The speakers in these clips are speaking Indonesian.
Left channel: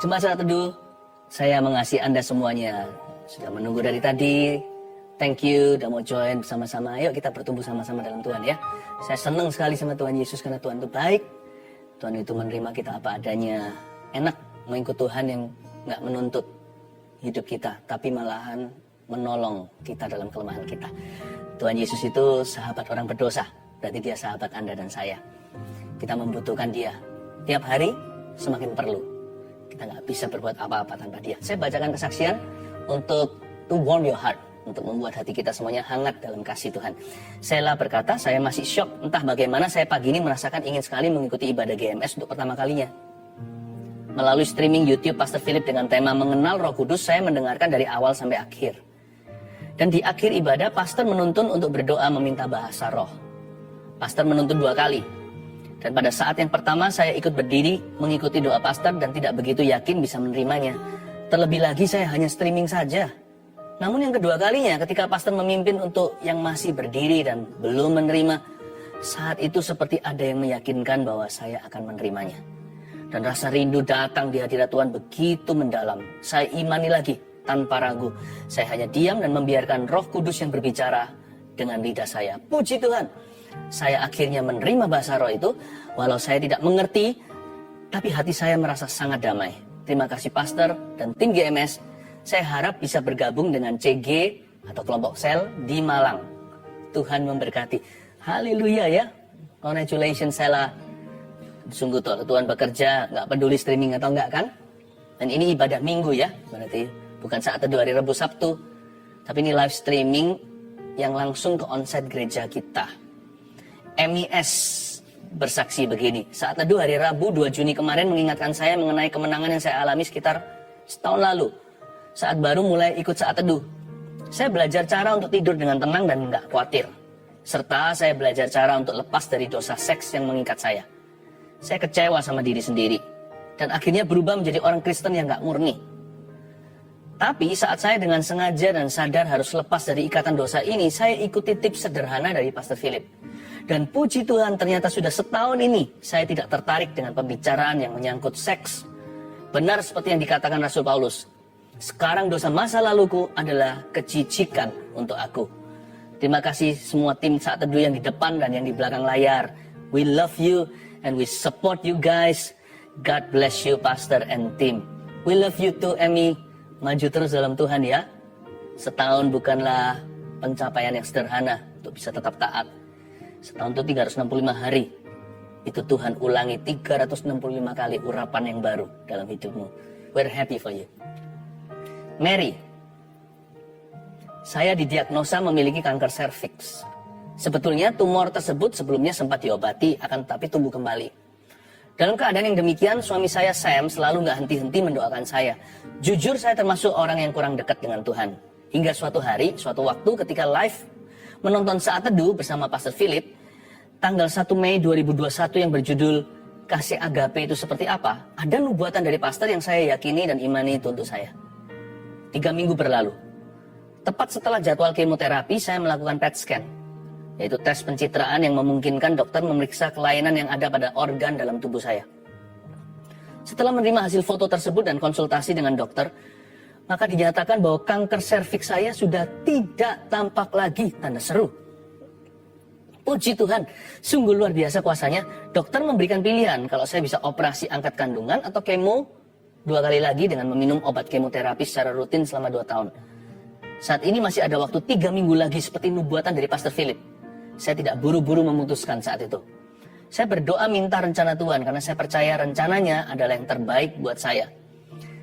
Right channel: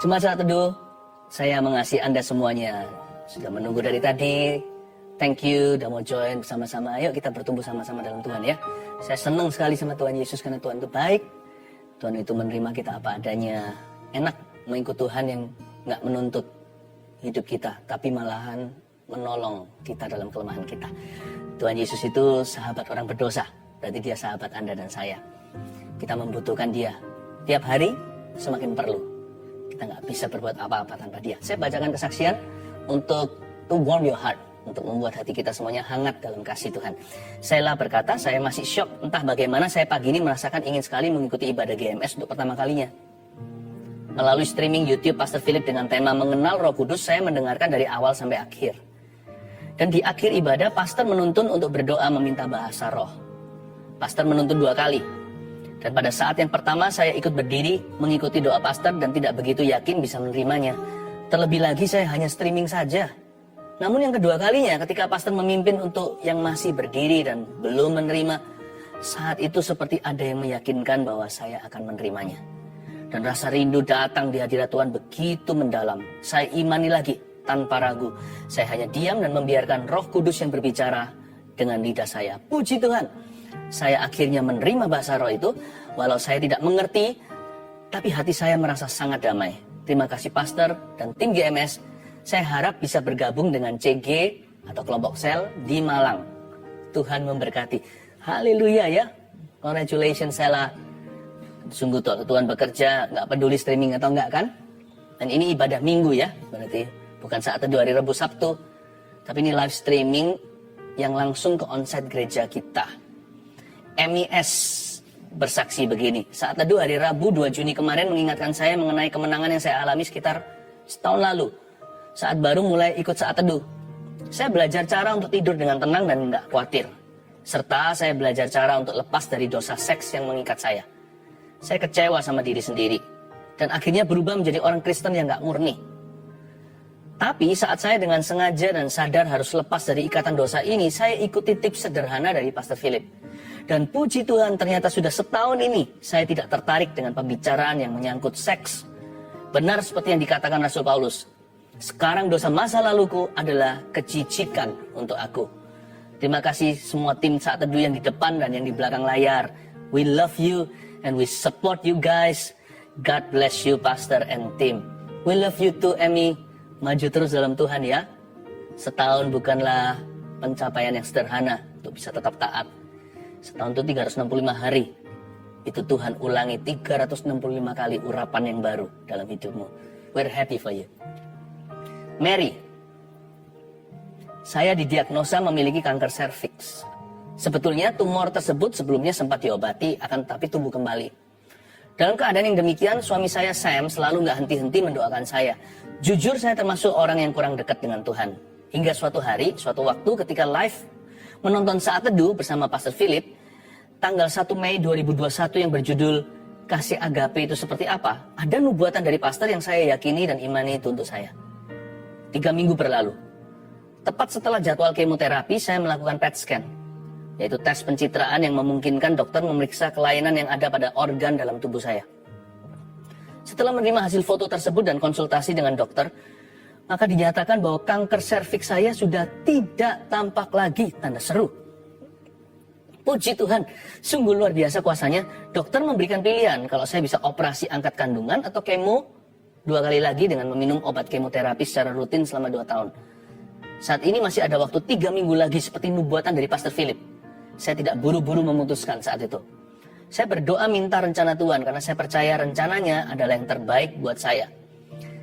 Jemaat Saat Teduh, saya mengasihi Anda semuanya. Sudah menunggu dari tadi. Thank you, udah mau join bersama-sama. Ayo kita bertumbuh sama-sama dalam Tuhan ya. Saya senang sekali sama Tuhan Yesus karena Tuhan itu baik. Tuhan itu menerima kita apa adanya. Enak mengikut Tuhan yang gak menuntut hidup kita, tapi malahan menolong kita dalam kelemahan kita. Tuhan Yesus itu sahabat orang berdosa. Berarti dia sahabat Anda dan saya. Kita membutuhkan dia. Tiap hari semakin perlu. Kita nggak bisa berbuat apa-apa tanpa dia. Saya bacakan kesaksian untuk to warm your heart. Untuk membuat hati kita semuanya hangat dalam kasih Tuhan. Sheila berkata, saya masih shock. Entah bagaimana saya pagi ini merasakan ingin sekali mengikuti ibadah GMS untuk pertama kalinya. Melalui streaming YouTube Pastor Philip dengan tema Mengenal Roh Kudus, saya mendengarkan dari awal sampai akhir. Dan di akhir ibadah, Pastor menuntun untuk berdoa meminta bahasa roh. Pastor menuntun 2 kali. Dan pada saat yang pertama, saya ikut berdiri mengikuti doa Pastor dan tidak begitu yakin bisa menerimanya. Terlebih lagi, saya hanya streaming saja. Namun yang kedua kalinya, ketika Pastor memimpin untuk yang masih berdiri dan belum menerima, saat itu seperti ada yang meyakinkan bahwa saya akan menerimanya. Dan rasa rindu datang di hadirat Tuhan begitu mendalam. Saya imani lagi tanpa ragu. Saya hanya diam dan membiarkan Roh Kudus yang berbicara dengan lidah saya. Puji Tuhan, saya akhirnya menerima bahasa roh itu. Walau saya tidak mengerti, tapi hati saya merasa sangat damai. Terima kasih Pastor dan tim GMS. Saya harap bisa bergabung dengan CG atau kelompok sel di Malang. Tuhan memberkati. Haleluya ya. Congratulations Sheila. Sungguh Tuhan bekerja, nggak peduli streaming atau enggak kan. Dan ini ibadah minggu ya. Berarti bukan saat teduh hari Rabu Sabtu. Tapi ini live streaming yang langsung ke onsite gereja kita. MIS bersaksi begini. Saat teduh hari Rabu 2 Juni kemarin mengingatkan saya mengenai kemenangan yang saya alami sekitar setahun lalu. Saat baru mulai ikut saat teduh. Saya belajar cara untuk tidur dengan tenang dan nggak khawatir. Serta saya belajar cara untuk lepas dari dosa seks yang mengikat saya. Saya kecewa sama diri sendiri. Dan akhirnya berubah menjadi orang Kristen yang nggak murni. Tapi saat saya dengan sengaja dan sadar harus lepas dari ikatan dosa ini, saya ikuti tips sederhana dari Pastor Philip. Dan puji Tuhan ternyata sudah setahun ini saya tidak tertarik dengan pembicaraan yang menyangkut seks. Benar seperti yang dikatakan Rasul Paulus. Sekarang dosa masa laluku adalah kejijikan untuk aku. Terima kasih semua tim Saat Teduh yang di depan dan yang di belakang layar. We love you and we support you guys. God bless you Pastor and team. We love you too Emmy. Maju terus dalam Tuhan ya. Setahun bukanlah pencapaian yang sederhana untuk bisa tetap taat. Setahun itu 365 hari. Itu Tuhan ulangi 365 kali urapan yang baru dalam hidupmu. We're happy for you. Mary, saya didiagnosa memiliki kanker serviks. Sebetulnya tumor tersebut sebelumnya sempat diobati, akan tetapi tumbuh kembali. Dalam keadaan yang demikian, suami saya Sam selalu nggak henti-henti mendoakan saya. Jujur saya termasuk orang yang kurang dekat dengan Tuhan. Hingga suatu hari, suatu waktu ketika live menonton Saat Teduh bersama Pastor Philip, tanggal 1 Mei 2021 yang berjudul Kasih Agape itu seperti apa? Ada nubuatan dari pastor yang saya yakini dan imani itu untuk saya. 3 minggu berlalu. Tepat setelah jadwal kemoterapi, saya melakukan PET scan. Yaitu tes pencitraan yang memungkinkan dokter memeriksa kelainan yang ada pada organ dalam tubuh saya. Setelah menerima hasil foto tersebut dan konsultasi dengan dokter, maka dinyatakan bahwa kanker serviks saya sudah tidak tampak lagi, tanda seru. Puji Tuhan, sungguh luar biasa kuasanya. Dokter memberikan pilihan kalau saya bisa operasi angkat kandungan atau kemo 2 kali lagi dengan meminum obat kemoterapi secara rutin selama 2 tahun. Saat ini masih ada waktu 3 minggu lagi seperti nubuatan dari Pastor Philip. Saya tidak buru-buru memutuskan saat itu. Saya berdoa minta rencana Tuhan karena saya percaya rencananya adalah yang terbaik buat saya.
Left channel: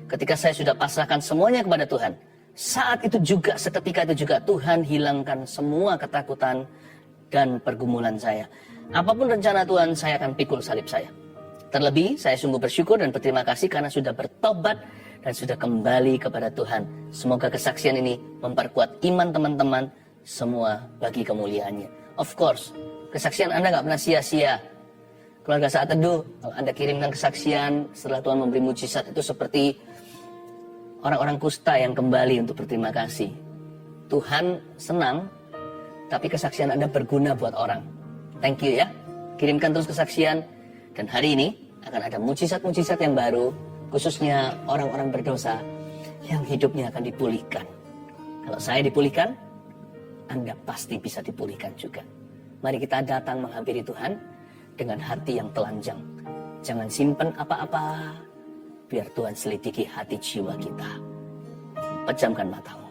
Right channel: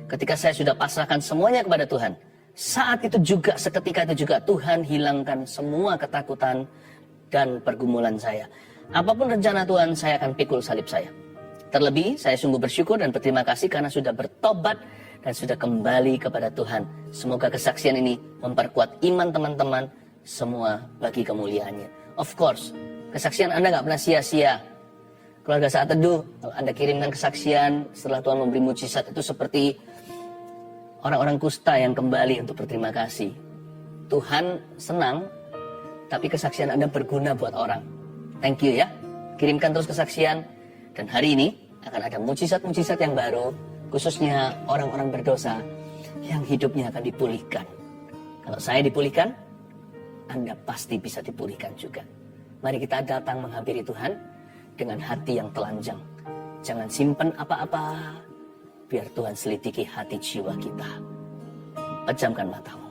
Ketika saya sudah pasrahkan semuanya kepada Tuhan, saat itu juga, seketika itu juga Tuhan hilangkan semua ketakutan dan pergumulan saya. Apapun rencana Tuhan, saya akan pikul salib saya. Terlebih, saya sungguh bersyukur dan berterima kasih karena sudah bertobat dan sudah kembali kepada Tuhan. Semoga kesaksian ini memperkuat iman teman-teman semua bagi kemuliaannya. Of course, kesaksian Anda gak pernah sia-sia. Keluarga Saat Teduh, kalau Anda kirimkan kesaksian setelah Tuhan memberi mujizat, itu seperti orang-orang kusta yang kembali untuk berterima kasih. Tuhan senang, tapi kesaksian Anda berguna buat orang. Thank you ya. Kirimkan terus kesaksian. Dan hari ini akan ada mujizat-mujizat yang baru khususnya orang-orang berdosa yang hidupnya akan dipulihkan. Kalau saya dipulihkan, Anda pasti bisa dipulihkan juga. Mari kita datang menghampiri Tuhan dengan hati yang telanjang. Jangan simpan apa-apa, biar Tuhan selidiki hati jiwa kita. Pejamkan matamu.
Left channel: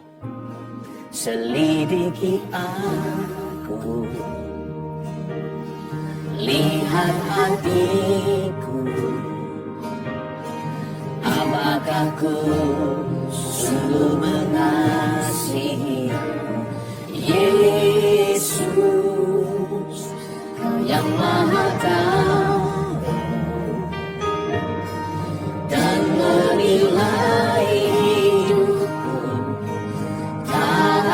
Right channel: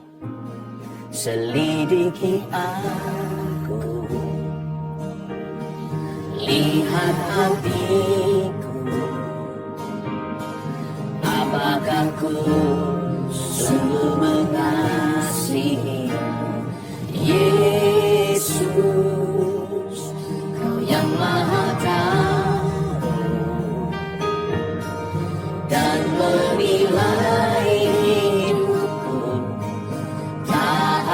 Selidiki aku, lihat hatiku, apakah ku sungguh mengasihi Yesus, Kau yang Maha Tahu dan menilai hidupku. Tak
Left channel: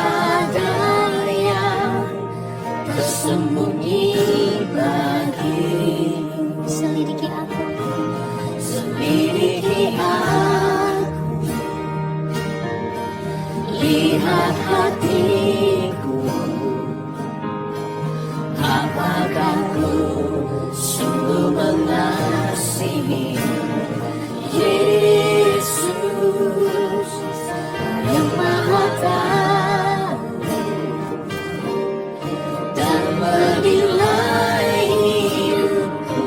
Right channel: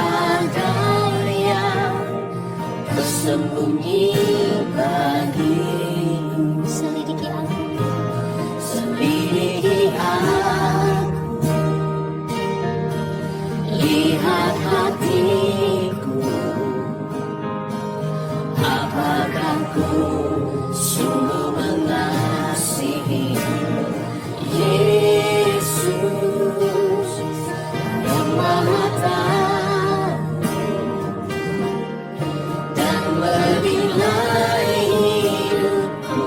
ada yang tersembunyi bagimu. Selidiki aku, Selidiki aku, lihat hatiku, apakah ku sungguh mengasihi Yesus yang Maha Tahu dan menilai hidupku.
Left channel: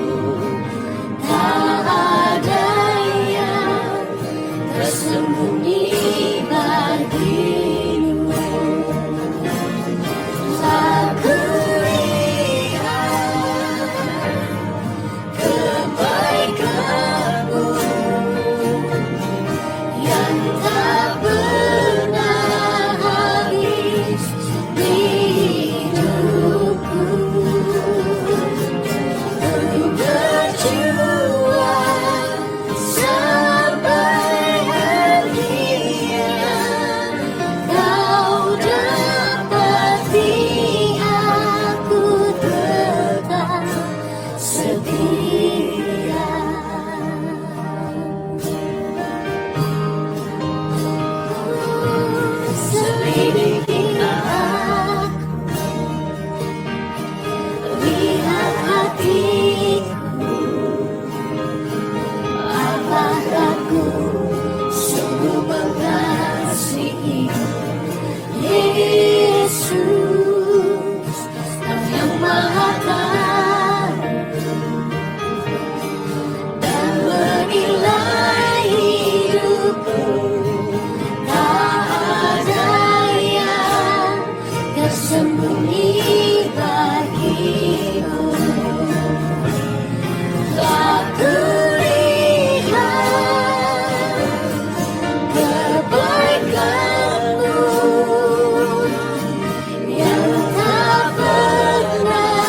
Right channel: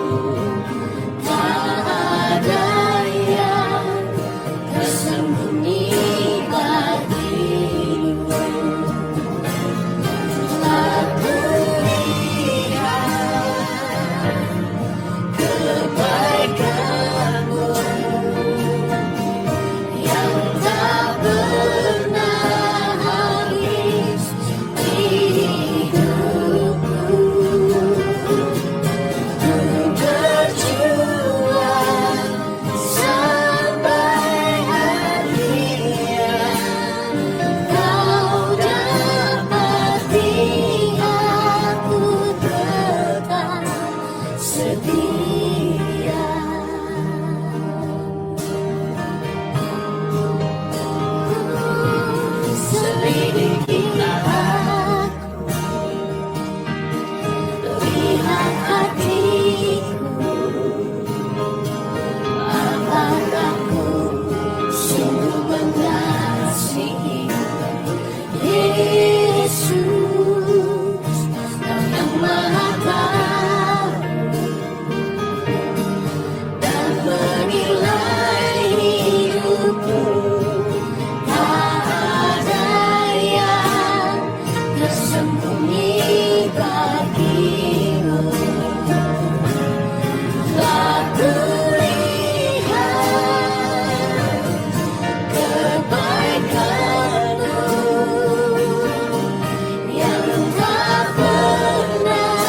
Tak ada yang tersembunyi bagimu. Aku lihat kebaikan-Mu yang tak pernah habis di hidupku. Ku berjuang sampai akhir. Kau dapati aku tetap setia. Selidiki aku, lihat hatiku, apakah ku sungguh mengasihi Yesus, Kau yang Maha Tahu dan menilai hidupku. Tak ada yang tersembunyi bagimu. Tak kulihat kebaikan-Mu yang tak pernah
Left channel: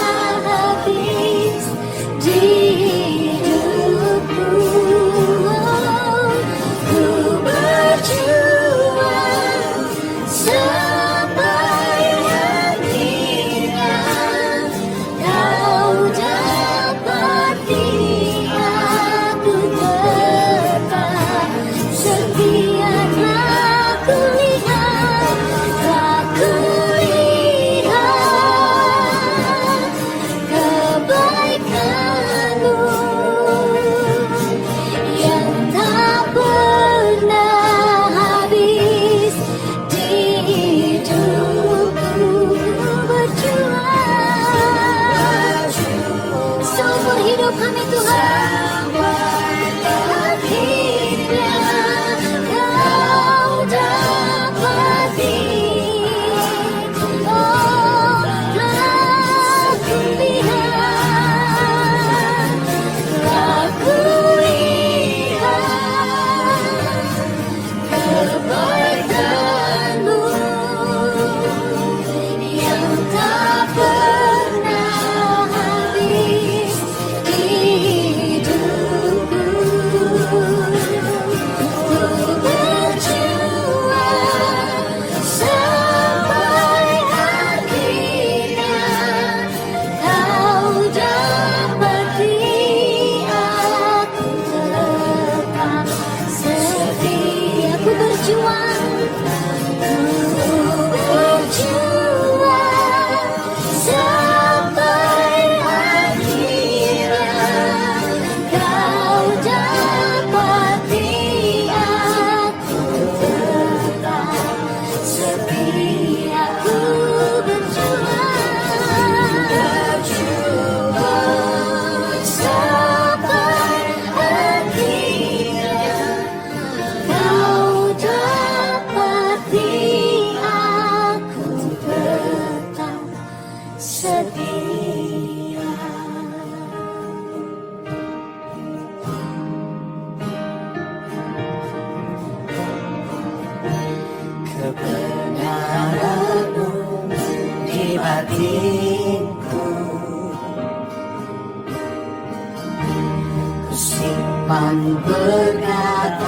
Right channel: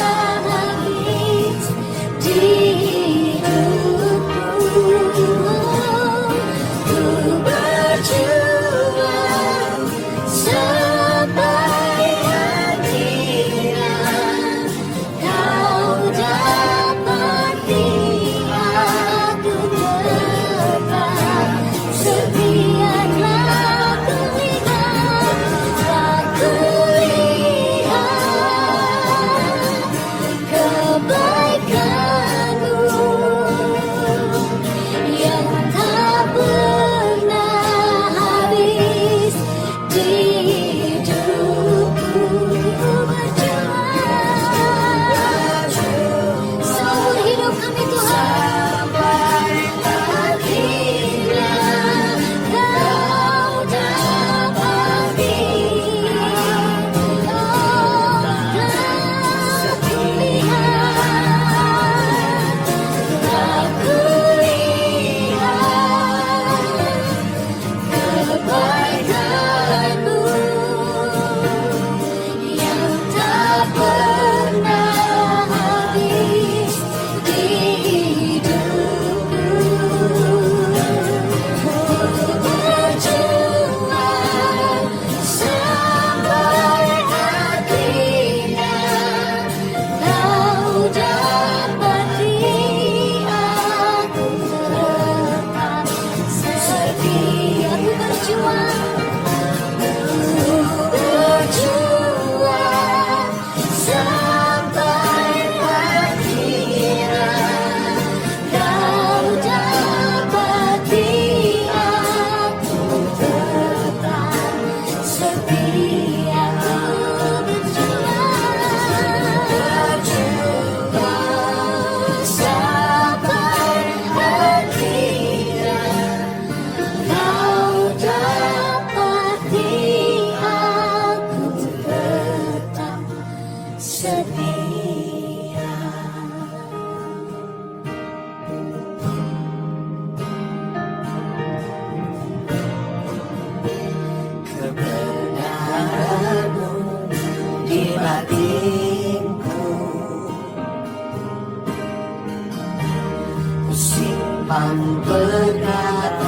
sopan perkataanmu,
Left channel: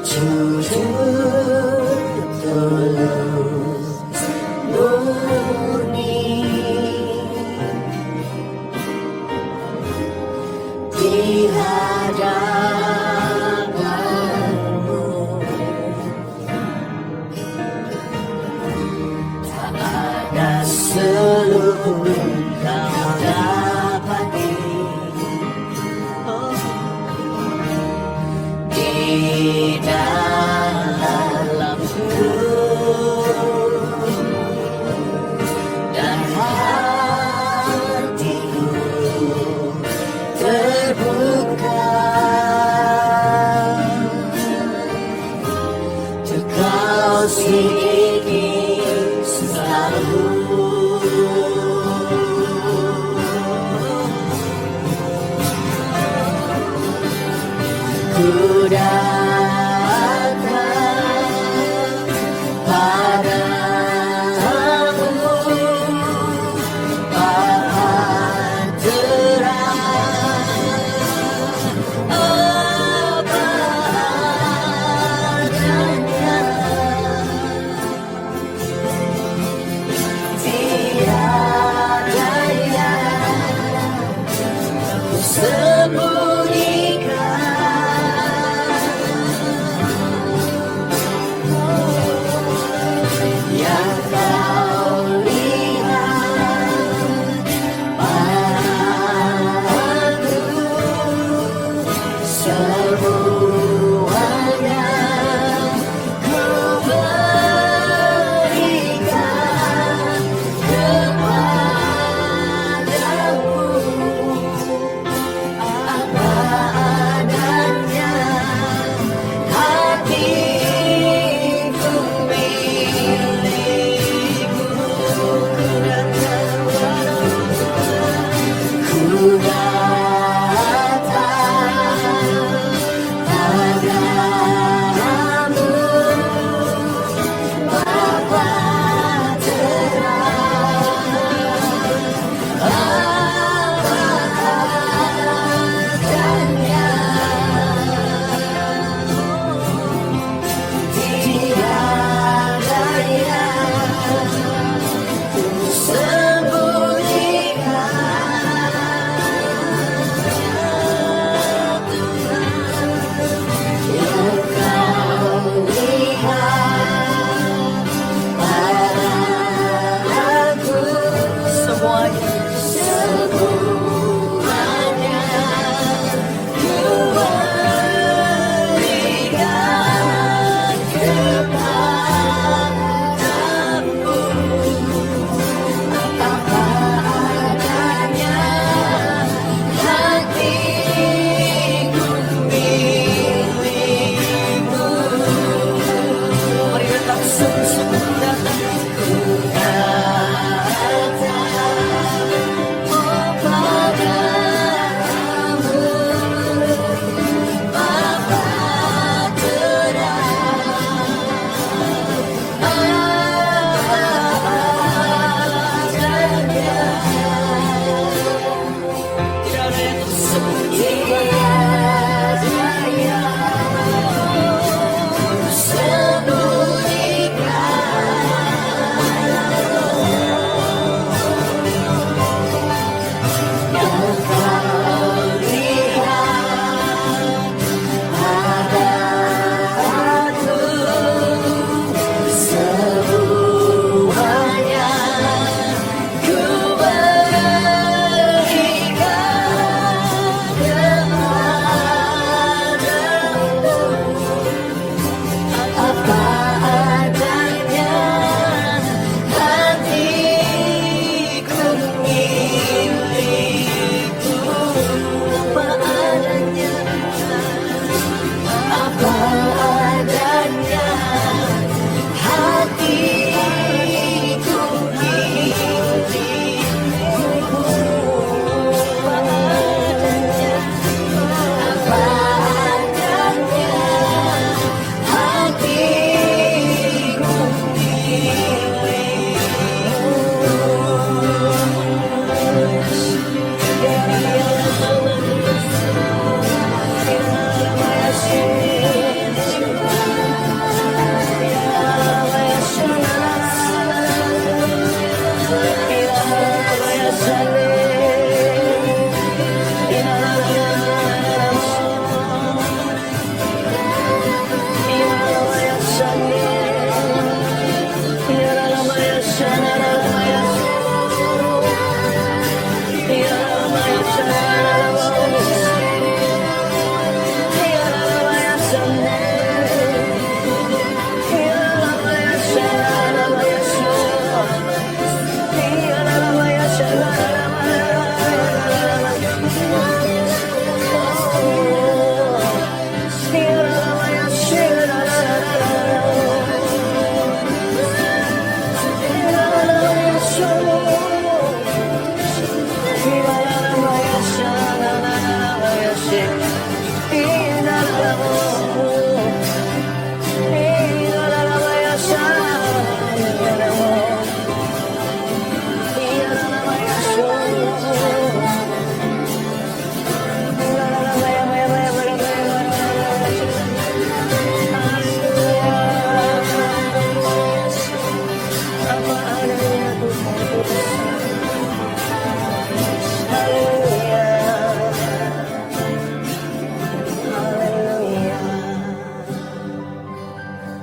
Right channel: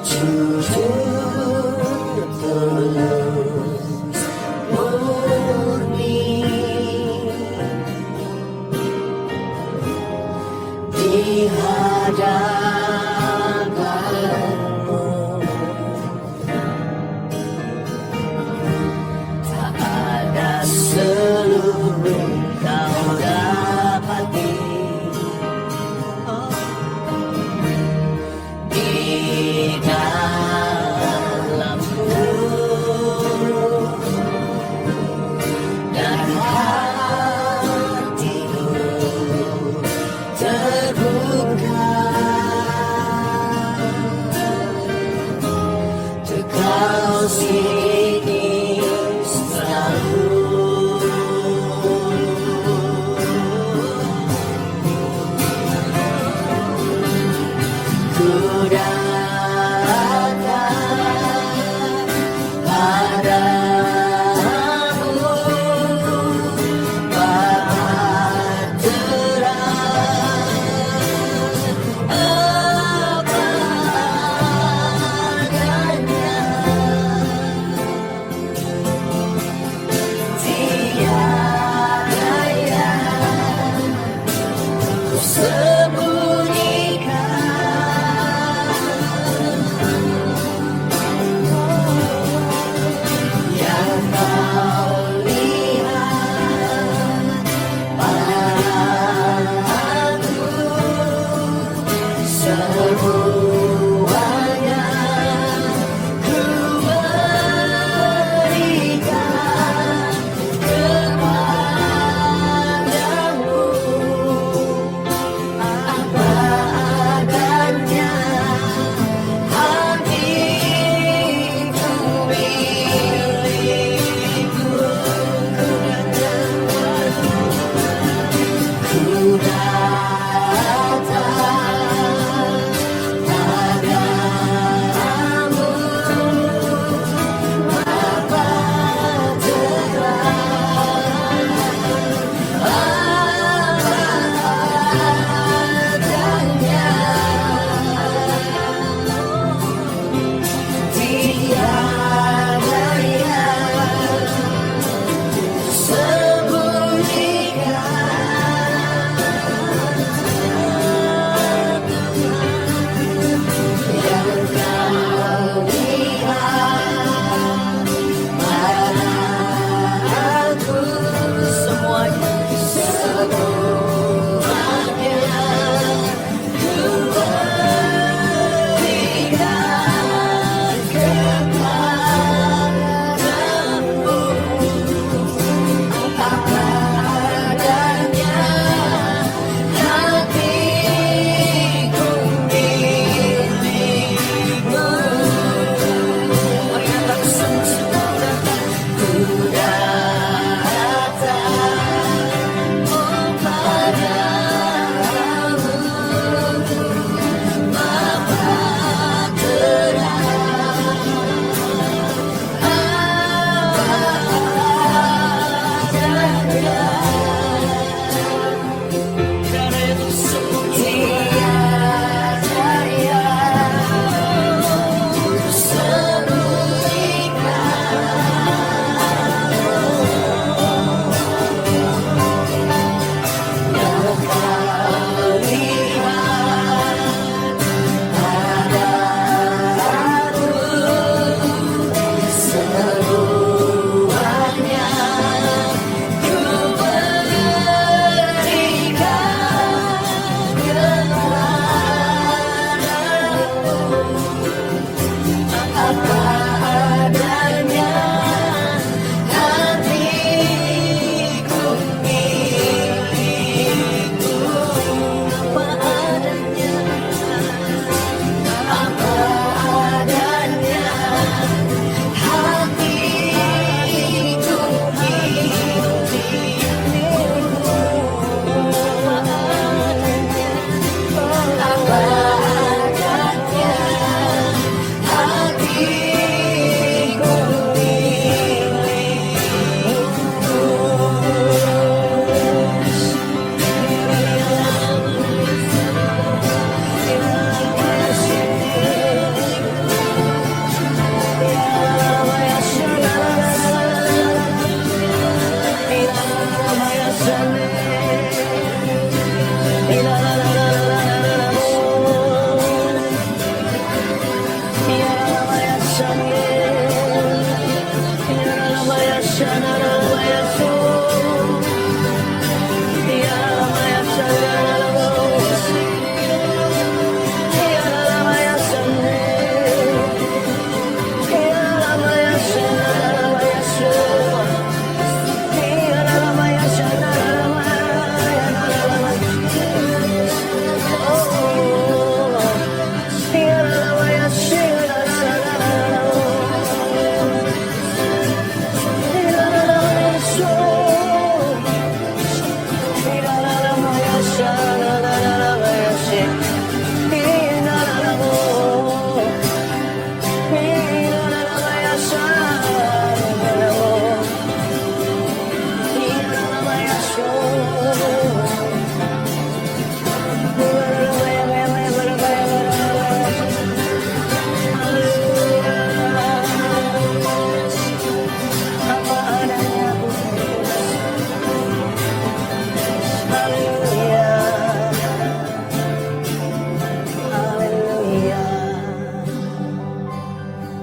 jujur tulus murni di hadapanmu. Tak ada seluruh kau dapati di dalamku, dan hatiku terbuka untuk kau sendiri selalu.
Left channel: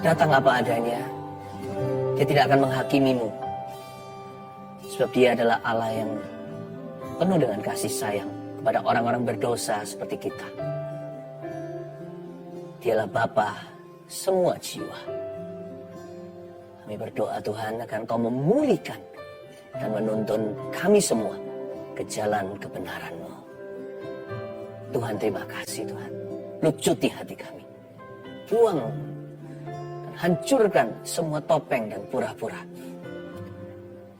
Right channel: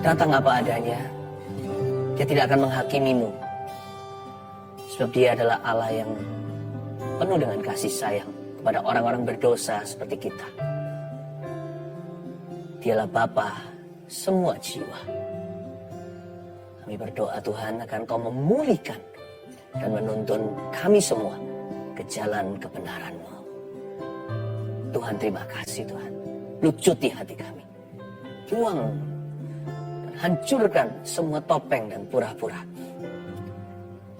datang apa adanya. Dia tidak akan menghakimimu. Sebab dia adalah Allah yang penuh dengan kasih sayang kepada orang-orang berdosa seperti kita. Dialah Bapa semua jiwa. Kami berdoa Tuhan agar Kau memulihkan dan menuntun kami semua ke jalan kebenaran-Mu. Tuhan, terima kasih Tuhan. Lucuti hati kami. Buang dan hancurkan semua topeng dan pura-pura.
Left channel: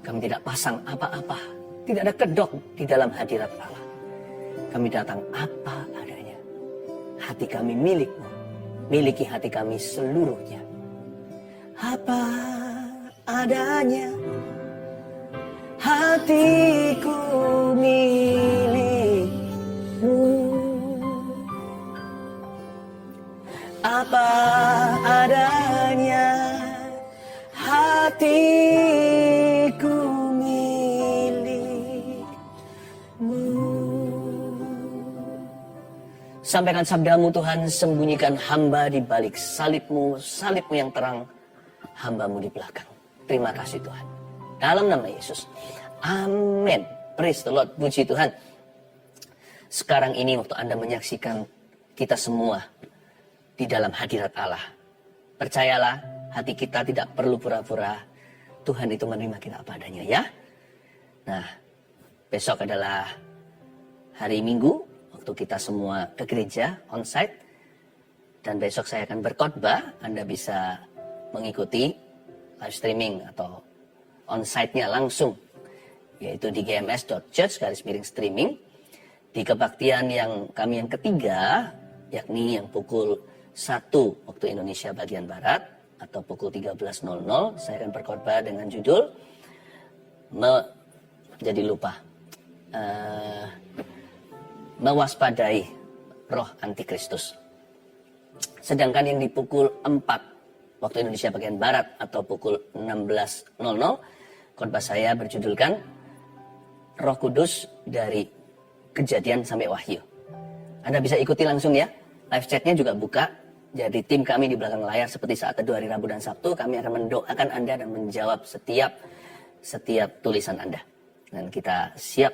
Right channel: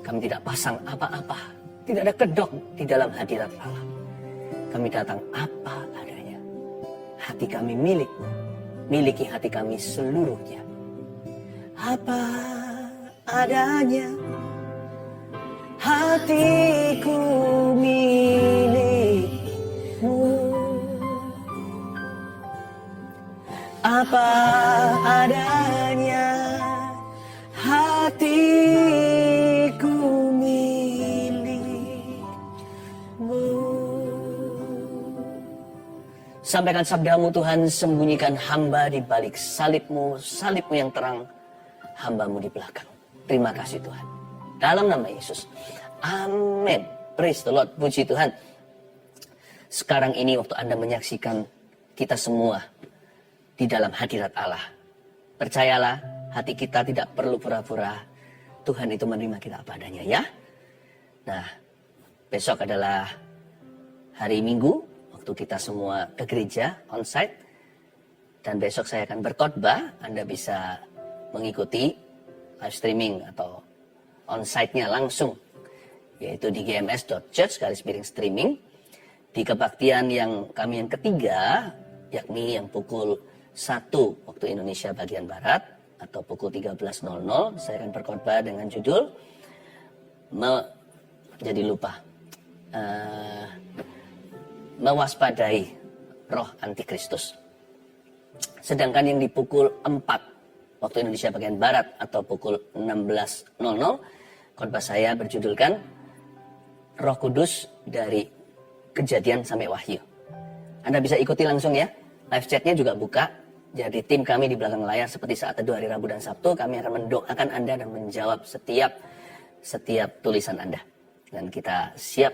Kami tidak pasang apa-apa. Tidak ada kedok di dalam hadirat Allah. Kami datang apa adanya. Hati kami milik-Mu. Miliki hati kami seluruhnya. Apa adanya. Hatiku milik-Mu. Apa adanya. Hatiku milik-Mu. Sampaikan sabdamu Tuhan, sembunyikan hamba di balik salib-Mu, salib-Mu yang terang, hamba-Mu di belakang. Terima kasih Tuhan. Dalam nama Yesus. Amin. Praise the Lord. Puji Tuhan. Sekarang ini waktu Anda menyaksikan kita semua di dalam hadirat Allah. Percayalah, hati kita tidak perlu pura-pura. Tuhan itu menerima kita apa adanya ya. Nah, besok adalah hari Minggu. Waktu kita semua ke gereja, onsite. Dan besok saya akan berkhotbah. Anda bisa mengikuti live streaming atau onsite-nya langsung, yaitu di gms.church/streaming, di kebaktian yang kami yang ketiga, yakni yang pukul 1 waktu Indonesia bagian Barat, atau pukul 13.00, saya akan berkhotbah dengan judul, mewaspadai roh antikristus. Sedangkan yang di pukul 4 waktu Indonesia bagian Barat atau pukul 16.00, khotbah saya berjudulkan Roh Kudus dari Kejadian sampai Wahyu. Anda bisa ikuti langsung ya. Live chatnya juga buka. Jadi tim kami di belakang layar seperti saat teduh hari Rabu dan Sabtu, kami akan mendoakan Anda dan menjawab setiap tulisan Anda. Dan kita siap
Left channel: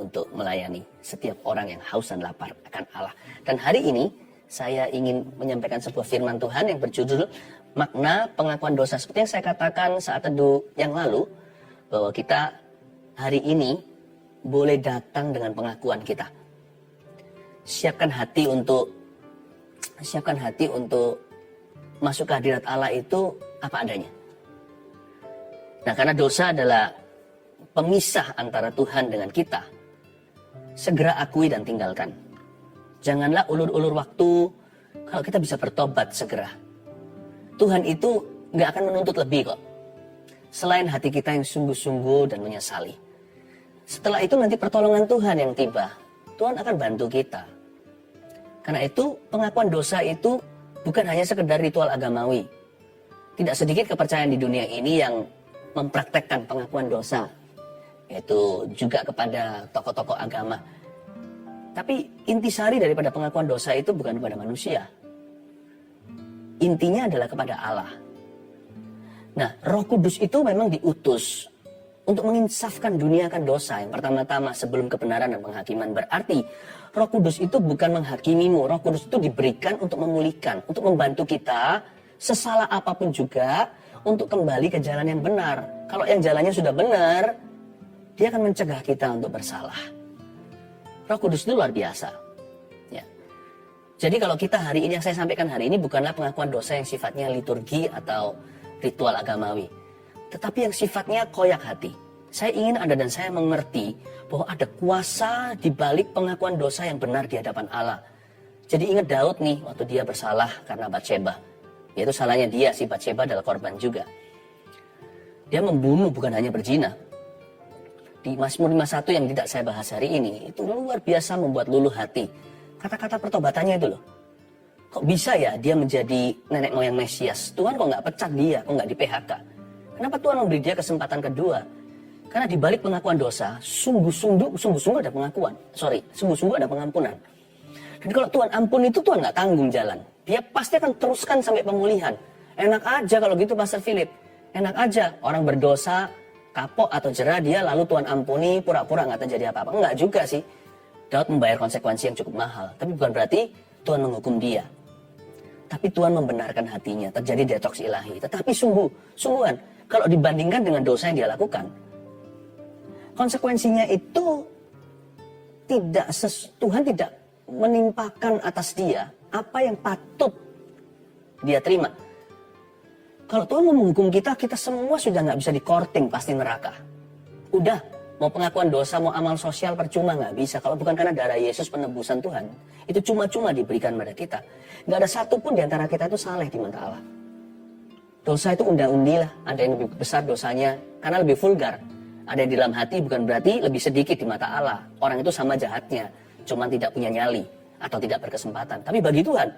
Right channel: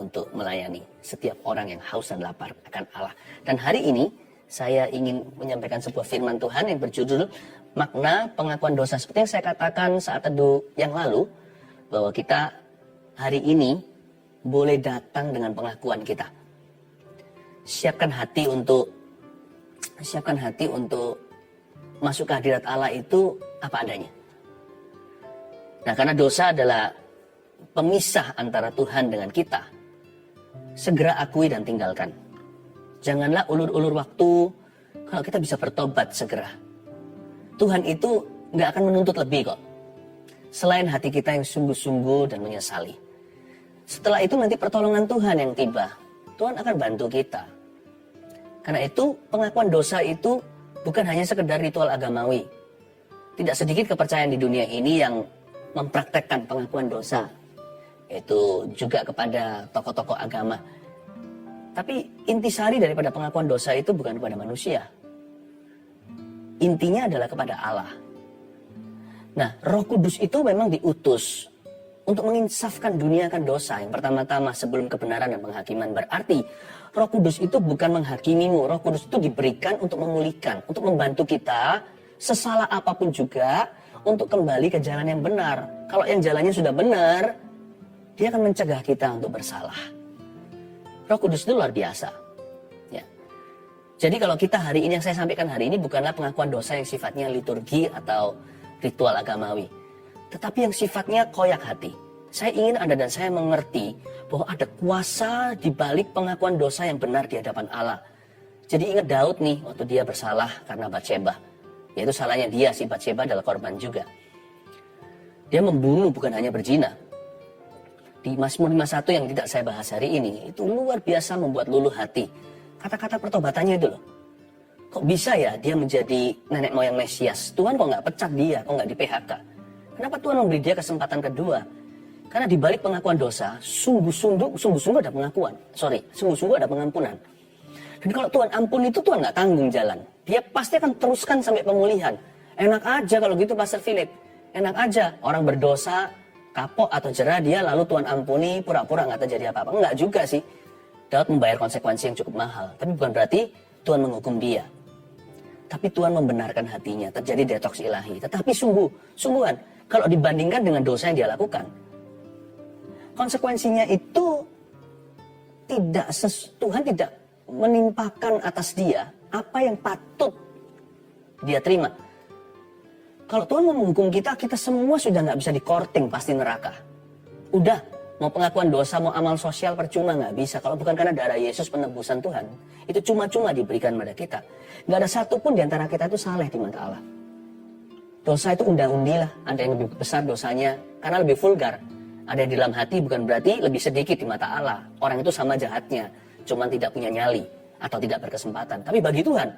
untuk melayani setiap orang yang haus dan lapar akan Allah. Dan hari ini saya ingin menyampaikan sebuah firman Tuhan yang berjudul makna pengakuan dosa. Seperti yang saya katakan saat teduh yang lalu, bahwa kita hari ini boleh datang dengan pengakuan kita. Siapkan hati untuk masuk ke hadirat Allah itu apa adanya. Nah, karena dosa adalah pemisah antara Tuhan dengan kita. Segera akui dan tinggalkan. Janganlah ulur-ulur waktu. Kalau kita bisa bertobat segera. Tuhan itu nggak akan menuntut lebih kok. Selain hati kita yang sungguh-sungguh dan menyesali. Setelah itu nanti pertolongan Tuhan yang tiba. Tuhan akan bantu kita. Karena itu pengakuan dosa itu bukan hanya sekedar ritual agamawi. Tidak sedikit kepercayaan di dunia ini yang mempraktekkan pengakuan dosa. Yaitu juga kepada tokoh-tokoh agama. Tapi intisari daripada pengakuan dosa itu bukan kepada manusia. Intinya adalah kepada Allah. Nah, Roh Kudus itu memang diutus untuk menginsafkan dunia akan dosa. Yang pertama-tama sebelum kebenaran dan penghakiman. Berarti Roh Kudus itu bukan menghakimimu. Roh Kudus itu diberikan untuk memulihkan, untuk membantu kita sesalah apapun juga untuk kembali ke jalan yang benar. Kalau yang jalannya sudah benar, dia akan mencegah kita untuk bersalah. Roh Kudus itu luar biasa. Ya. Jadi kalau kita hari ini, yang saya sampaikan hari ini bukanlah pengakuan dosa yang sifatnya liturgi atau ritual agamawi. Tetapi yang sifatnya koyak hati. Saya ingin Anda dan saya mengerti bahwa ada kuasa di balik pengakuan dosa yang benar di hadapan Allah. Jadi ingat Daud nih, waktu dia bersalah karena Batsheba. Yaitu salahnya dia, si Batsheba adalah korban juga. Dia membunuh, bukan hanya berzina. Di Mazmur 51 yang tidak saya bahas hari ini, itu luar biasa membuat luluh hati. Kata-kata pertobatannya itu loh. Kok bisa ya dia menjadi nenek moyang Mesias? Tuhan kok nggak pecat dia, kok nggak di PHK? Kenapa Tuhan memberi dia kesempatan kedua? Karena di balik pengakuan dosa, sungguh-sungguh ada pengakuan. Sungguh-sungguh ada pengampunan. Dan kalau Tuhan ampun itu Tuhan nggak tanggung jalan. Dia pasti akan teruskan sampai pemulihan. Enak aja kalau gitu Pastor Philip. Enak aja orang berdosa, kapok atau jerah dia lalu Tuhan ampuni, pura-pura nggak terjadi apa-apa. Enggak juga sih. Daud membayar konsekuensi yang cukup mahal. Tapi bukan berarti Tuhan menghukum dia. Tapi Tuhan membenarkan hatinya, terjadi detoks ilahi. Tetapi sungguhan, kalau dibandingkan dengan dosa yang dia lakukan, konsekuensinya itu Tuhan tidak menimpakan atas dia apa yang patut dia terima. Kalau Tuhan mau menghukum kita, kita semua sudah nggak bisa dikorting pasti neraka. Udah, mau pengakuan dosa, mau amal sosial percuma nggak bisa. Kalau bukan karena darah Yesus penebusan Tuhan, itu cuma-cuma diberikan pada kita. Nggak ada satupun di antara kita itu saleh di mata Allah. Dosa itu undang-undi lah, ada yang lebih besar dosanya karena lebih vulgar. Ada yang di dalam hati bukan berarti lebih sedikit di mata Allah. Orang itu sama jahatnya, cuma tidak punya nyali atau tidak berkesempatan. Tapi bagi Tuhan,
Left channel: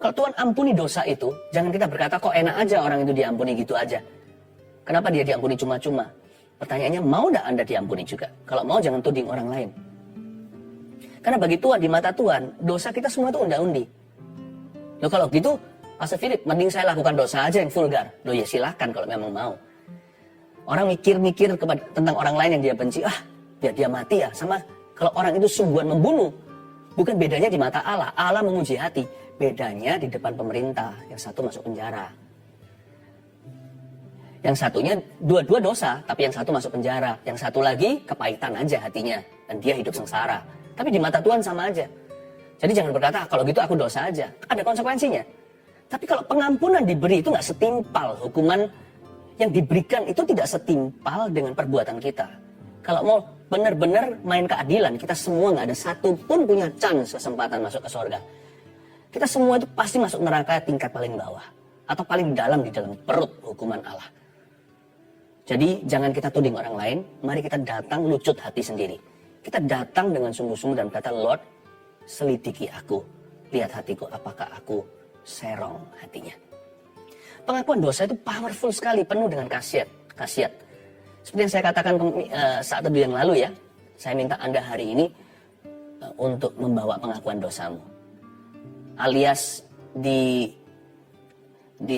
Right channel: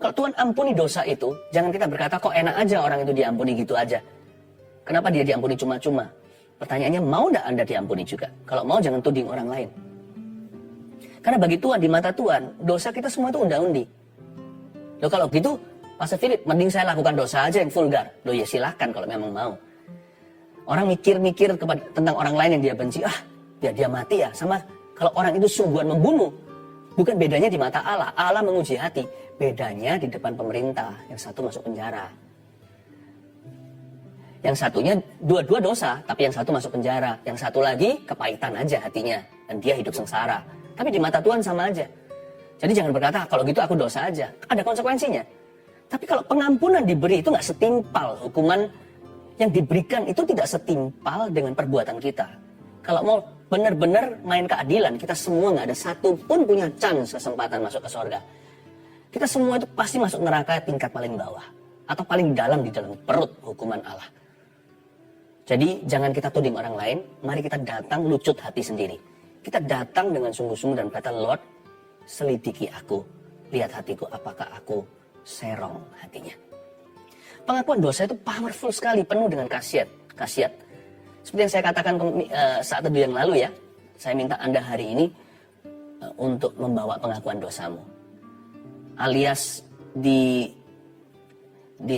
kalau Tuhan ampuni dosa itu, jangan kita berkata kok enak aja orang itu diampuni gitu aja. Kenapa dia diampuni cuma-cuma? Pertanyaannya, mau tidak Anda diampuni juga? Kalau mau jangan tuding orang lain. Karena bagi Tuhan, di mata Tuhan, dosa kita semua itu undang-undi. Loh kalau gitu, Pastor Philip, mending saya lakukan dosa aja yang vulgar. Loh ya silakan kalau memang mau. Orang mikir-mikir tentang orang lain yang dia benci, ya dia mati ya. Sama kalau orang itu sungguhan membunuh, bukan bedanya di mata Allah. Allah menguji hati. Bedanya di depan pemerintah, yang satu masuk penjara. Yang satunya dua-dua dosa, tapi yang satu masuk penjara. Yang satu lagi kepahitan aja hatinya, dan dia hidup sengsara. Tapi di mata Tuhan sama aja. Jadi jangan berkata, kalau gitu aku dosa aja. Ada konsekuensinya. Tapi kalau pengampunan diberi itu nggak setimpal. Hukuman yang diberikan itu tidak setimpal dengan perbuatan kita. Kalau mau benar-benar main keadilan, kita semua nggak ada satu pun punya chance kesempatan masuk ke surga. Kita semua itu pasti masuk neraka tingkat paling bawah. Atau paling dalam di dalam perut hukuman Allah. Jadi jangan kita tuding orang lain. Mari kita datang lucut hati sendiri. Kita datang dengan sungguh-sungguh dan berkata, Lord, selidiki aku. Lihat hatiku, apakah aku serong hatinya. Pengakuan dosa itu powerful sekali, penuh dengan khasiat. Seperti yang saya katakan saat teduh yang lalu ya. Saya minta Anda hari ini untuk membawa pengakuan dosamu. Alias di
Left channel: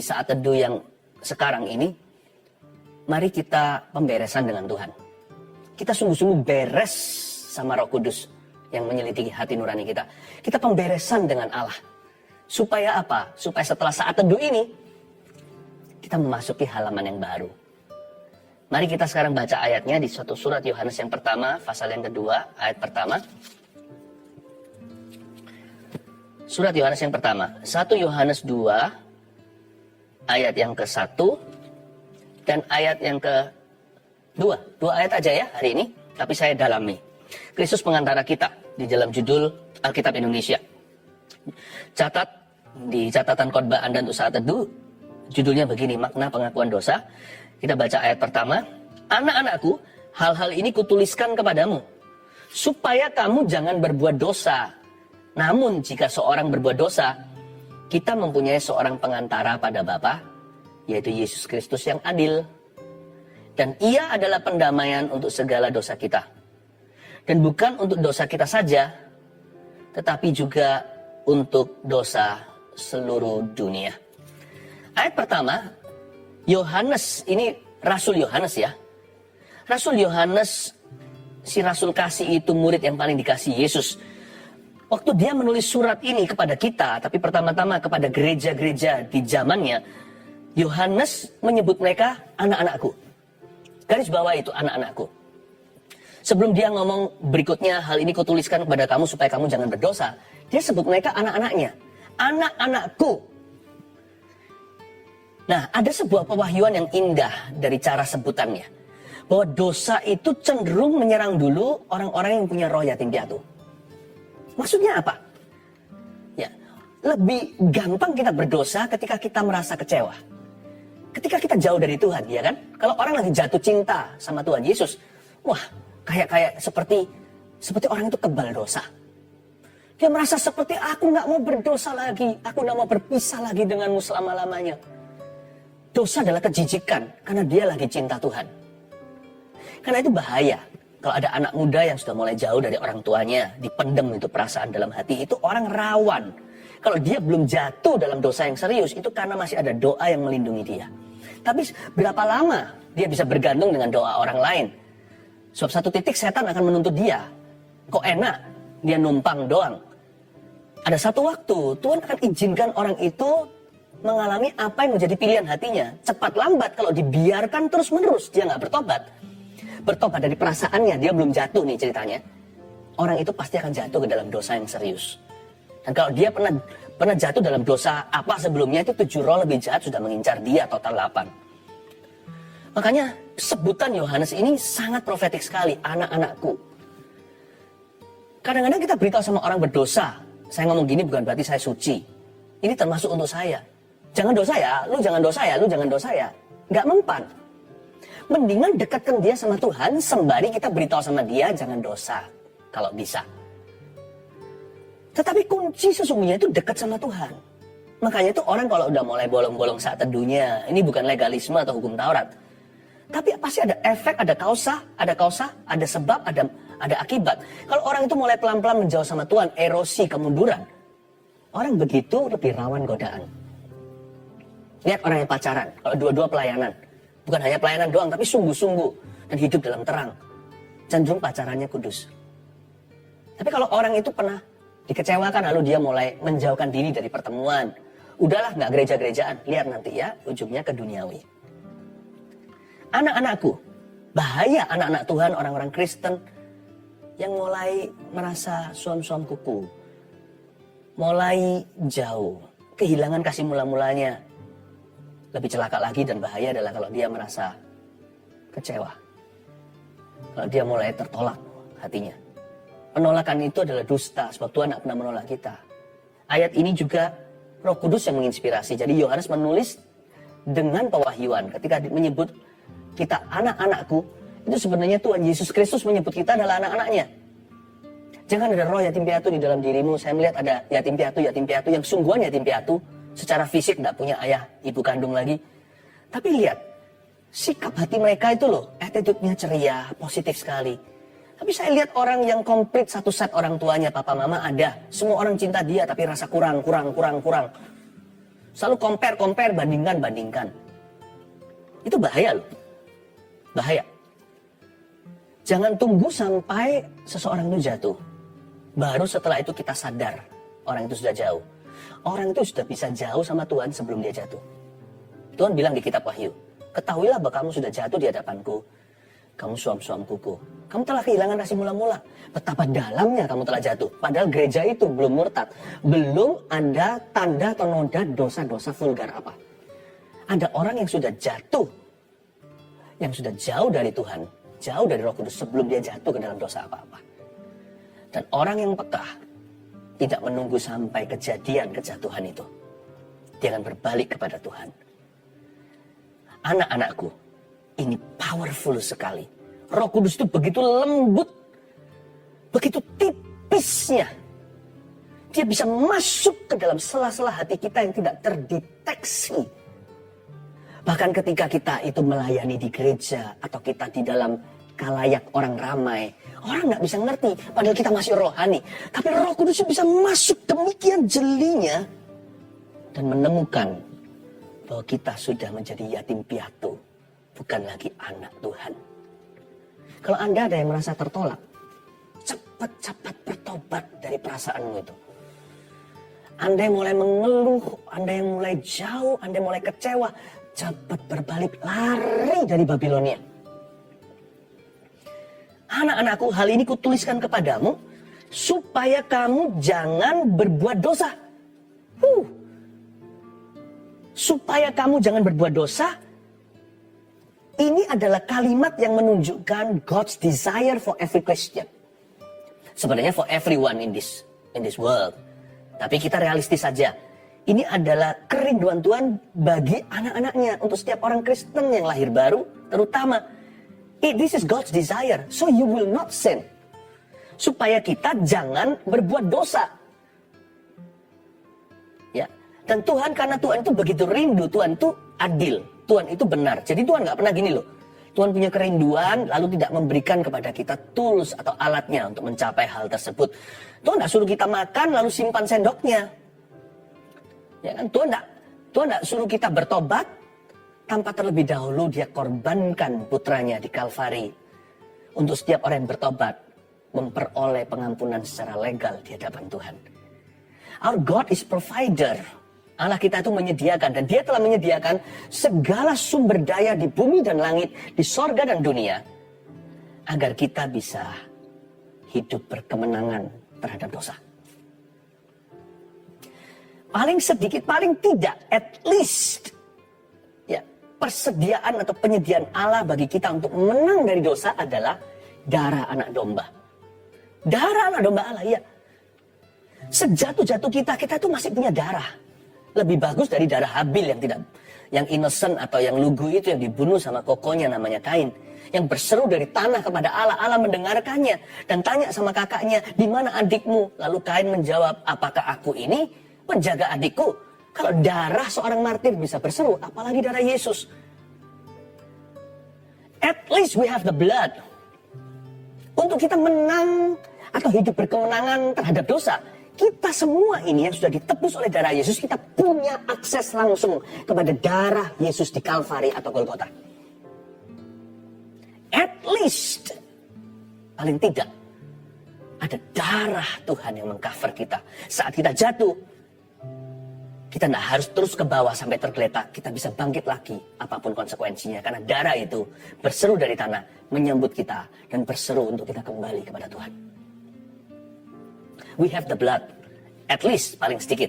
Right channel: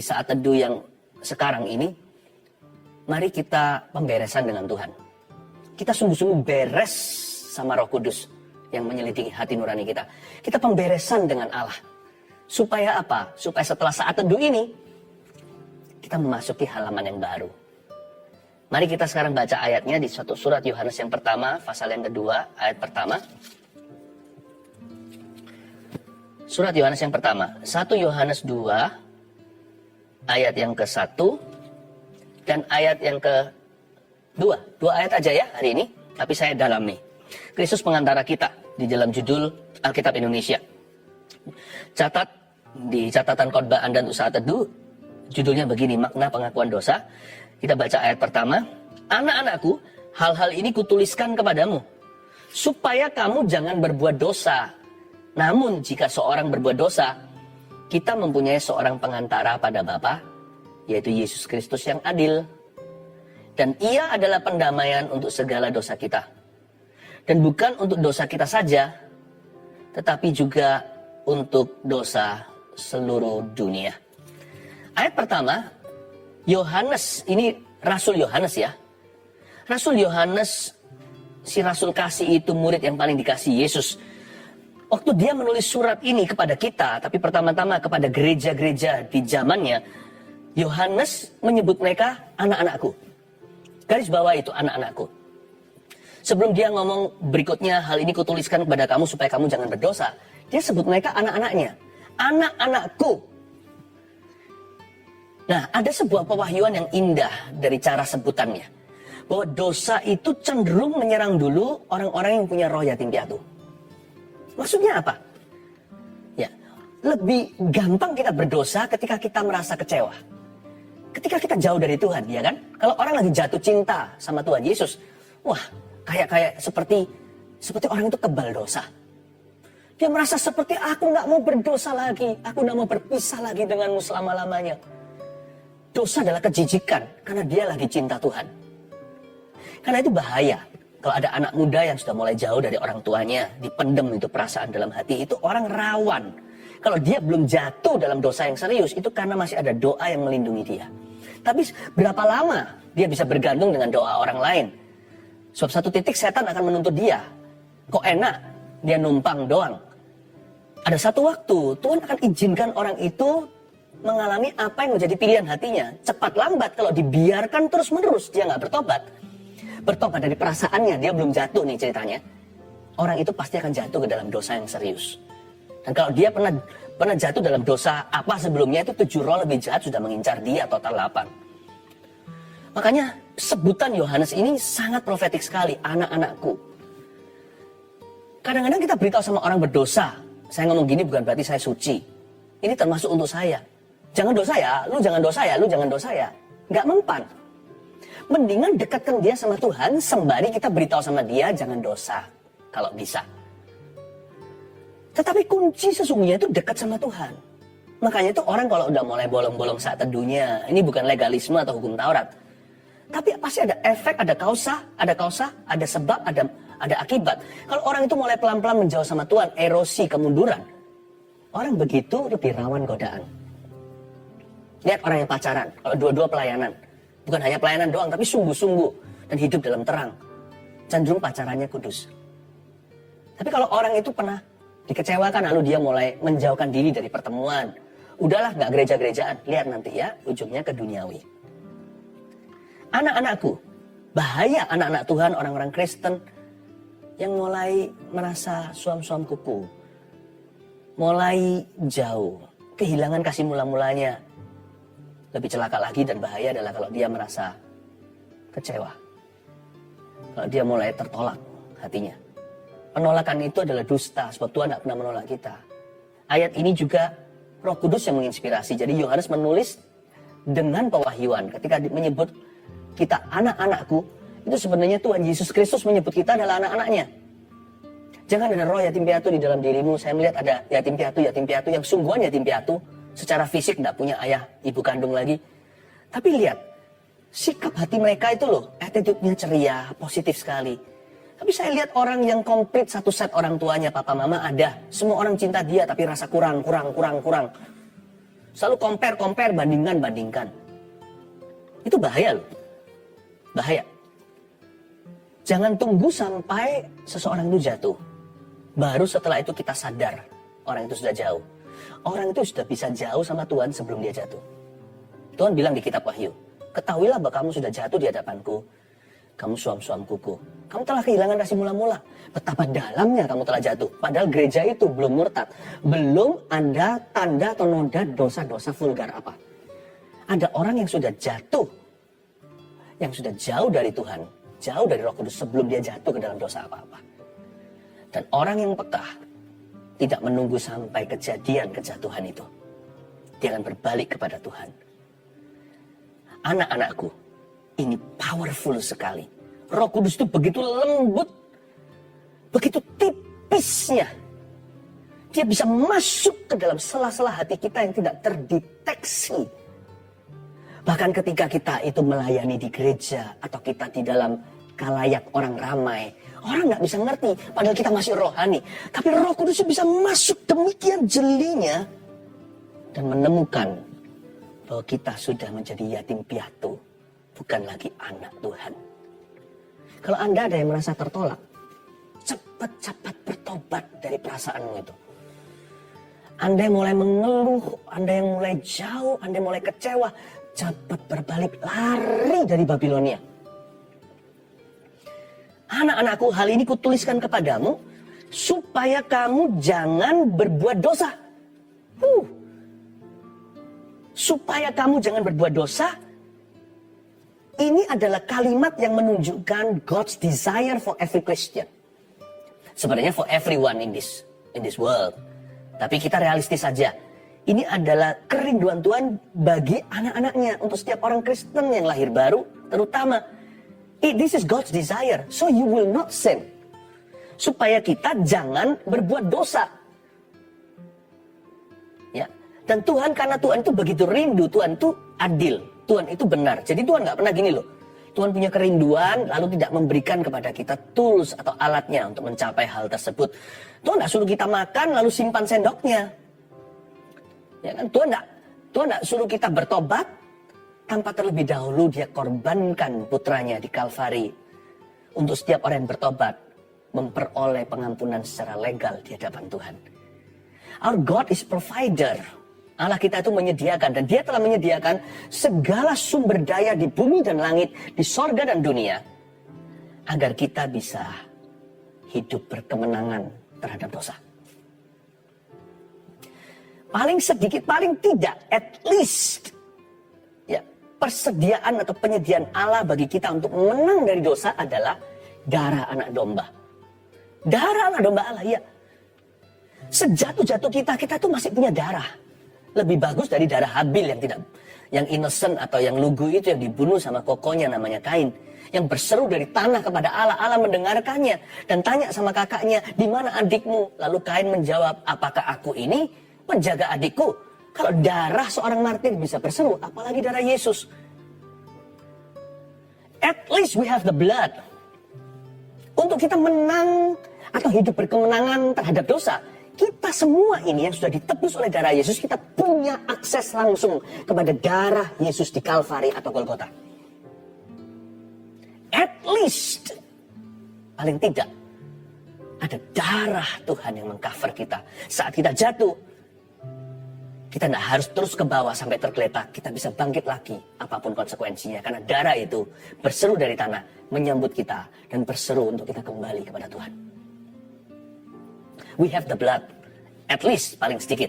saat teduh yang sekarang ini, mari kita pemberesan dengan Tuhan. Kita sungguh-sungguh beres sama Roh Kudus yang menyelidiki hati nurani kita. Kita pemberesan dengan Allah. Supaya apa? Supaya setelah saat teduh ini, kita memasuki halaman yang baru. Mari kita sekarang baca ayatnya di suatu surat Yohanes yang pertama, pasal yang kedua, ayat pertama. Surat Yohanes yang pertama, 1 Yohanes 2, ayat yang ke-1, dan ayat yang ke-2. 2 ayat aja ya hari ini, tapi saya dalami. Kristus pengantara kita, di dalam judul Alkitab Indonesia. Catat, di catatan khotbah Anda untuk saat teduh, judulnya begini, makna pengakuan dosa. Kita baca ayat pertama, anak-anakku, hal-hal ini kutuliskan kepadamu, supaya kamu jangan berbuat dosa. Namun jika seorang berbuat dosa, kita mempunyai seorang pengantara pada Bapa, yaitu Yesus Kristus yang adil. Dan ia adalah pendamaian untuk segala dosa kita. Dan bukan untuk dosa kita saja, tetapi juga untuk dosa seluruh dunia. Ayat pertama, Yohanes, ini Rasul Yohanes ya. Rasul Yohanes, si Rasul kasih itu murid yang paling dikasih Yesus. Waktu dia menulis surat ini kepada kita, tapi pertama-tama kepada gereja-gereja di zamannya, Yohanes menyebut mereka anak-anakku. Garis bawah itu anak-anakku. Sebelum dia ngomong berikutnya, hal ini kutuliskan kepada kamu supaya kamu jangan berdosa, dia sebut mereka anak-anaknya. Anak-anakku. Nah, ada sebuah pewahyuan yang indah dari cara sebutannya. Bahwa dosa itu cenderung menyerang dulu orang-orang yang punya roh yatim piatu. Maksudnya apa? Ya, lebih gampang kita berdosa ketika kita merasa kecewa. Ketika kita jauh dari Tuhan, ya kan? Kalau orang lagi jatuh cinta sama Tuhan Yesus, wah, kayak seperti orang itu kebal dosa. Dia merasa seperti aku nggak mau berdosa lagi, aku nggak mau berpisah lagi denganmu selama-lamanya. Dosa adalah kejijikan karena dia lagi cinta Tuhan. Karena itu bahaya. Kalau ada anak muda yang sudah mulai jauh dari orang tuanya, dipendem itu perasaan dalam hati, itu orang rawan. Kalau dia belum jatuh dalam dosa yang serius, itu karena masih ada doa yang melindungi dia. Tapi berapa lama dia bisa bergantung dengan doa orang lain? Sebab satu titik setan akan menuntut dia. Kok enak dia numpang doang. Ada satu waktu Tuhan akan izinkan orang itu mengalami apa yang menjadi pilihan hatinya. Cepat lambat kalau dibiarkan terus menerus dia nggak bertobat. Bertobat dari perasaannya, dia belum jatuh nih ceritanya. Orang itu pasti akan jatuh ke dalam dosa yang serius. Dan kalau dia pernah jatuh dalam dosa apa sebelumnya, itu 7 roh lebih jahat sudah mengincar dia, total 8. Makanya sebutan Yohanes ini sangat profetik sekali, anak-anakku. Kadang-kadang kita beritahu sama orang berdosa, saya ngomong gini bukan berarti saya suci. Ini termasuk untuk saya. Jangan dosa ya, lu jangan dosa ya, lu jangan dosa ya. Nggak mempan. Mendingan dekatkan dia sama Tuhan, sembari kita beritahu sama dia jangan dosa. Kalau bisa. Tetapi kunci sesungguhnya itu dekat sama Tuhan. Makanya itu orang kalau udah mulai bolong-bolong saat teduhnya, ini bukan legalisme atau hukum Taurat. Tapi pasti ada efek, ada kausa, ada sebab, ada akibat. Kalau orang itu mulai pelan-pelan menjauh sama Tuhan, erosi, kemunduran. Orang begitu lebih rawan godaan. Lihat orang yang pacaran, kalau dua-dua pelayanan. Bukan hanya pelayanan doang, tapi sungguh-sungguh. Dan hidup dalam terang. Cenderung pacarannya kudus. Tapi kalau orang itu pernah dikecewakan, lalu dia mulai menjauhkan diri dari pertemuan. Udahlah, gak gereja-gerejaan. Lihat nanti ya, ujungnya ke duniawi. Anak-anakku, bahaya anak-anak Tuhan, orang-orang Kristen yang mulai merasa suam-suam kuku. Mulai jauh, kehilangan kasih mula-mulanya. Lebih celaka lagi dan bahaya adalah kalau dia merasa kecewa. Kalau dia mulai tertolak hatinya. Penolakan itu adalah dusta, sebab Tuhan tidak pernah menolak kita. Ayat ini juga Roh Kudus yang menginspirasi. Jadi Yohanes menulis dengan pewahyuan. Ketika menyebut kita anak-anakku, itu sebenarnya Tuhan Yesus Kristus menyebut kita adalah anak-anaknya. Jangan ada roh yatim piatu di dalam dirimu. Saya melihat ada yatim piatu yang sungguhan yatim piatu. Secara fisik tidak punya ayah, ibu kandung lagi. Tapi lihat, sikap hati mereka itu loh, attitude-nya ceria, positif sekali. Tapi saya lihat orang yang komplit satu set orang tuanya, papa mama ada. Semua orang cinta dia tapi rasa kurang. Selalu compare, bandingkan. Itu bahaya loh. Bahaya. Jangan tunggu sampai seseorang itu jatuh. Baru setelah itu kita sadar orang itu sudah jauh. Orang itu sudah bisa jauh sama Tuhan sebelum dia jatuh. Tuhan bilang di kitab Wahyu, ketahuilah bahwa kamu sudah jatuh di hadapanku. Kamu suam-suam kuku. Kamu telah kehilangan kasih mula-mula. Betapa dalamnya kamu telah jatuh. Padahal gereja itu belum murtad. Belum ada tanda atau noda dosa-dosa vulgar apa. Ada orang yang sudah jatuh. Yang sudah jauh dari Tuhan. Jauh dari Roh Kudus sebelum dia jatuh ke dalam dosa apa-apa. Dan orang yang peka tidak menunggu sampai kejadian kejatuhan itu. Dia akan berbalik kepada Tuhan. Anak-anakku, ini powerful sekali. Roh Kudus itu begitu lembut, begitu tipisnya. Dia bisa masuk ke dalam sela-sela hati kita yang tidak terdeteksi. Bahkan ketika kita itu melayani di gereja atau kita di dalam kalayak orang ramai, orang nggak bisa ngerti, padahal kita masih rohani. Tapi Roh Kudus bisa masuk demikian jelinya dan menemukan bahwa kita sudah menjadi yatim piatu, bukan lagi anak Tuhan. Kalau Anda ada yang merasa tertolak, cepat-cepat bertobat dari perasaanmu itu. Anda yang mulai mengeluh, Anda yang mulai jauh, Anda yang mulai kecewa, cepat berbalik, lari dari Babilonia. Anak-anakku, hal ini kutuliskan kepadamu supaya kamu jangan berbuat dosa. Supaya kamu jangan berbuat dosa. Ini adalah kalimat yang menunjukkan God's desire for every Christian. Sebenarnya for everyone in this world. Tapi kita realistis saja. Ini adalah kerinduan Tuhan bagi anak-anaknya. Untuk setiap orang Kristen yang lahir baru, terutama. This is God's desire. So you will not sin. Supaya kita jangan berbuat dosa. Ya. Dan Tuhan, karena Tuhan itu begitu rindu, Tuhan itu adil. Tuhan itu benar. Jadi Tuhan nggak pernah gini loh. Tuhan punya kerinduan, lalu tidak memberikan kepada kita tools atau alatnya untuk mencapai hal tersebut. Tuhan nggak suruh kita makan, lalu simpan sendoknya. Ya kan? Tuhan enggak suruh kita bertobat tanpa terlebih dahulu dia korbankan putranya di Kalvari. Untuk setiap orang yang bertobat, memperoleh pengampunan secara legal di hadapan Tuhan. Our God is provider. Allah kita itu menyediakan, dan dia telah menyediakan segala sumber daya di bumi dan langit, di sorga dan dunia, agar kita bisa hidup berkemenangan terhadap dosa. Paling sedikit, paling tidak, at least, ya, persediaan atau penyediaan Allah bagi kita untuk menang dari dosa adalah darah anak domba. Darah anak domba Allah, ya. Sejatuh-jatuh kita itu masih punya darah. Lebih bagus dari darah Habil yang innocent atau yang lugu itu, yang dibunuh sama kokonya namanya Kain. Yang berseru dari tanah kepada Allah. Allah mendengarkannya dan tanya sama kakaknya, di mana adikmu? Lalu Kain menjawab, apakah aku ini menjaga adikku? Kalau darah seorang martir bisa berseru, apalagi darah Yesus. At least we have the blood. Untuk kita menang atau hidup berkemenangan terhadap dosa, kita semua ini yang sudah ditebus oleh darah Yesus, kita punya akses langsung kepada darah Yesus di Kalvari atau Golgota. At least, paling tidak, ada darah Tuhan yang mengcover kita. Saat kita jatuh, kita tidak harus terus ke bawah sampai tergeletak. Kita bisa bangkit lagi, apapun konsekuensinya. Karena darah itu berseru dari tanah, menyambut kita, dan berseru untuk kita kembali kepada Tuhan. We have the blood, at least paling sedikit.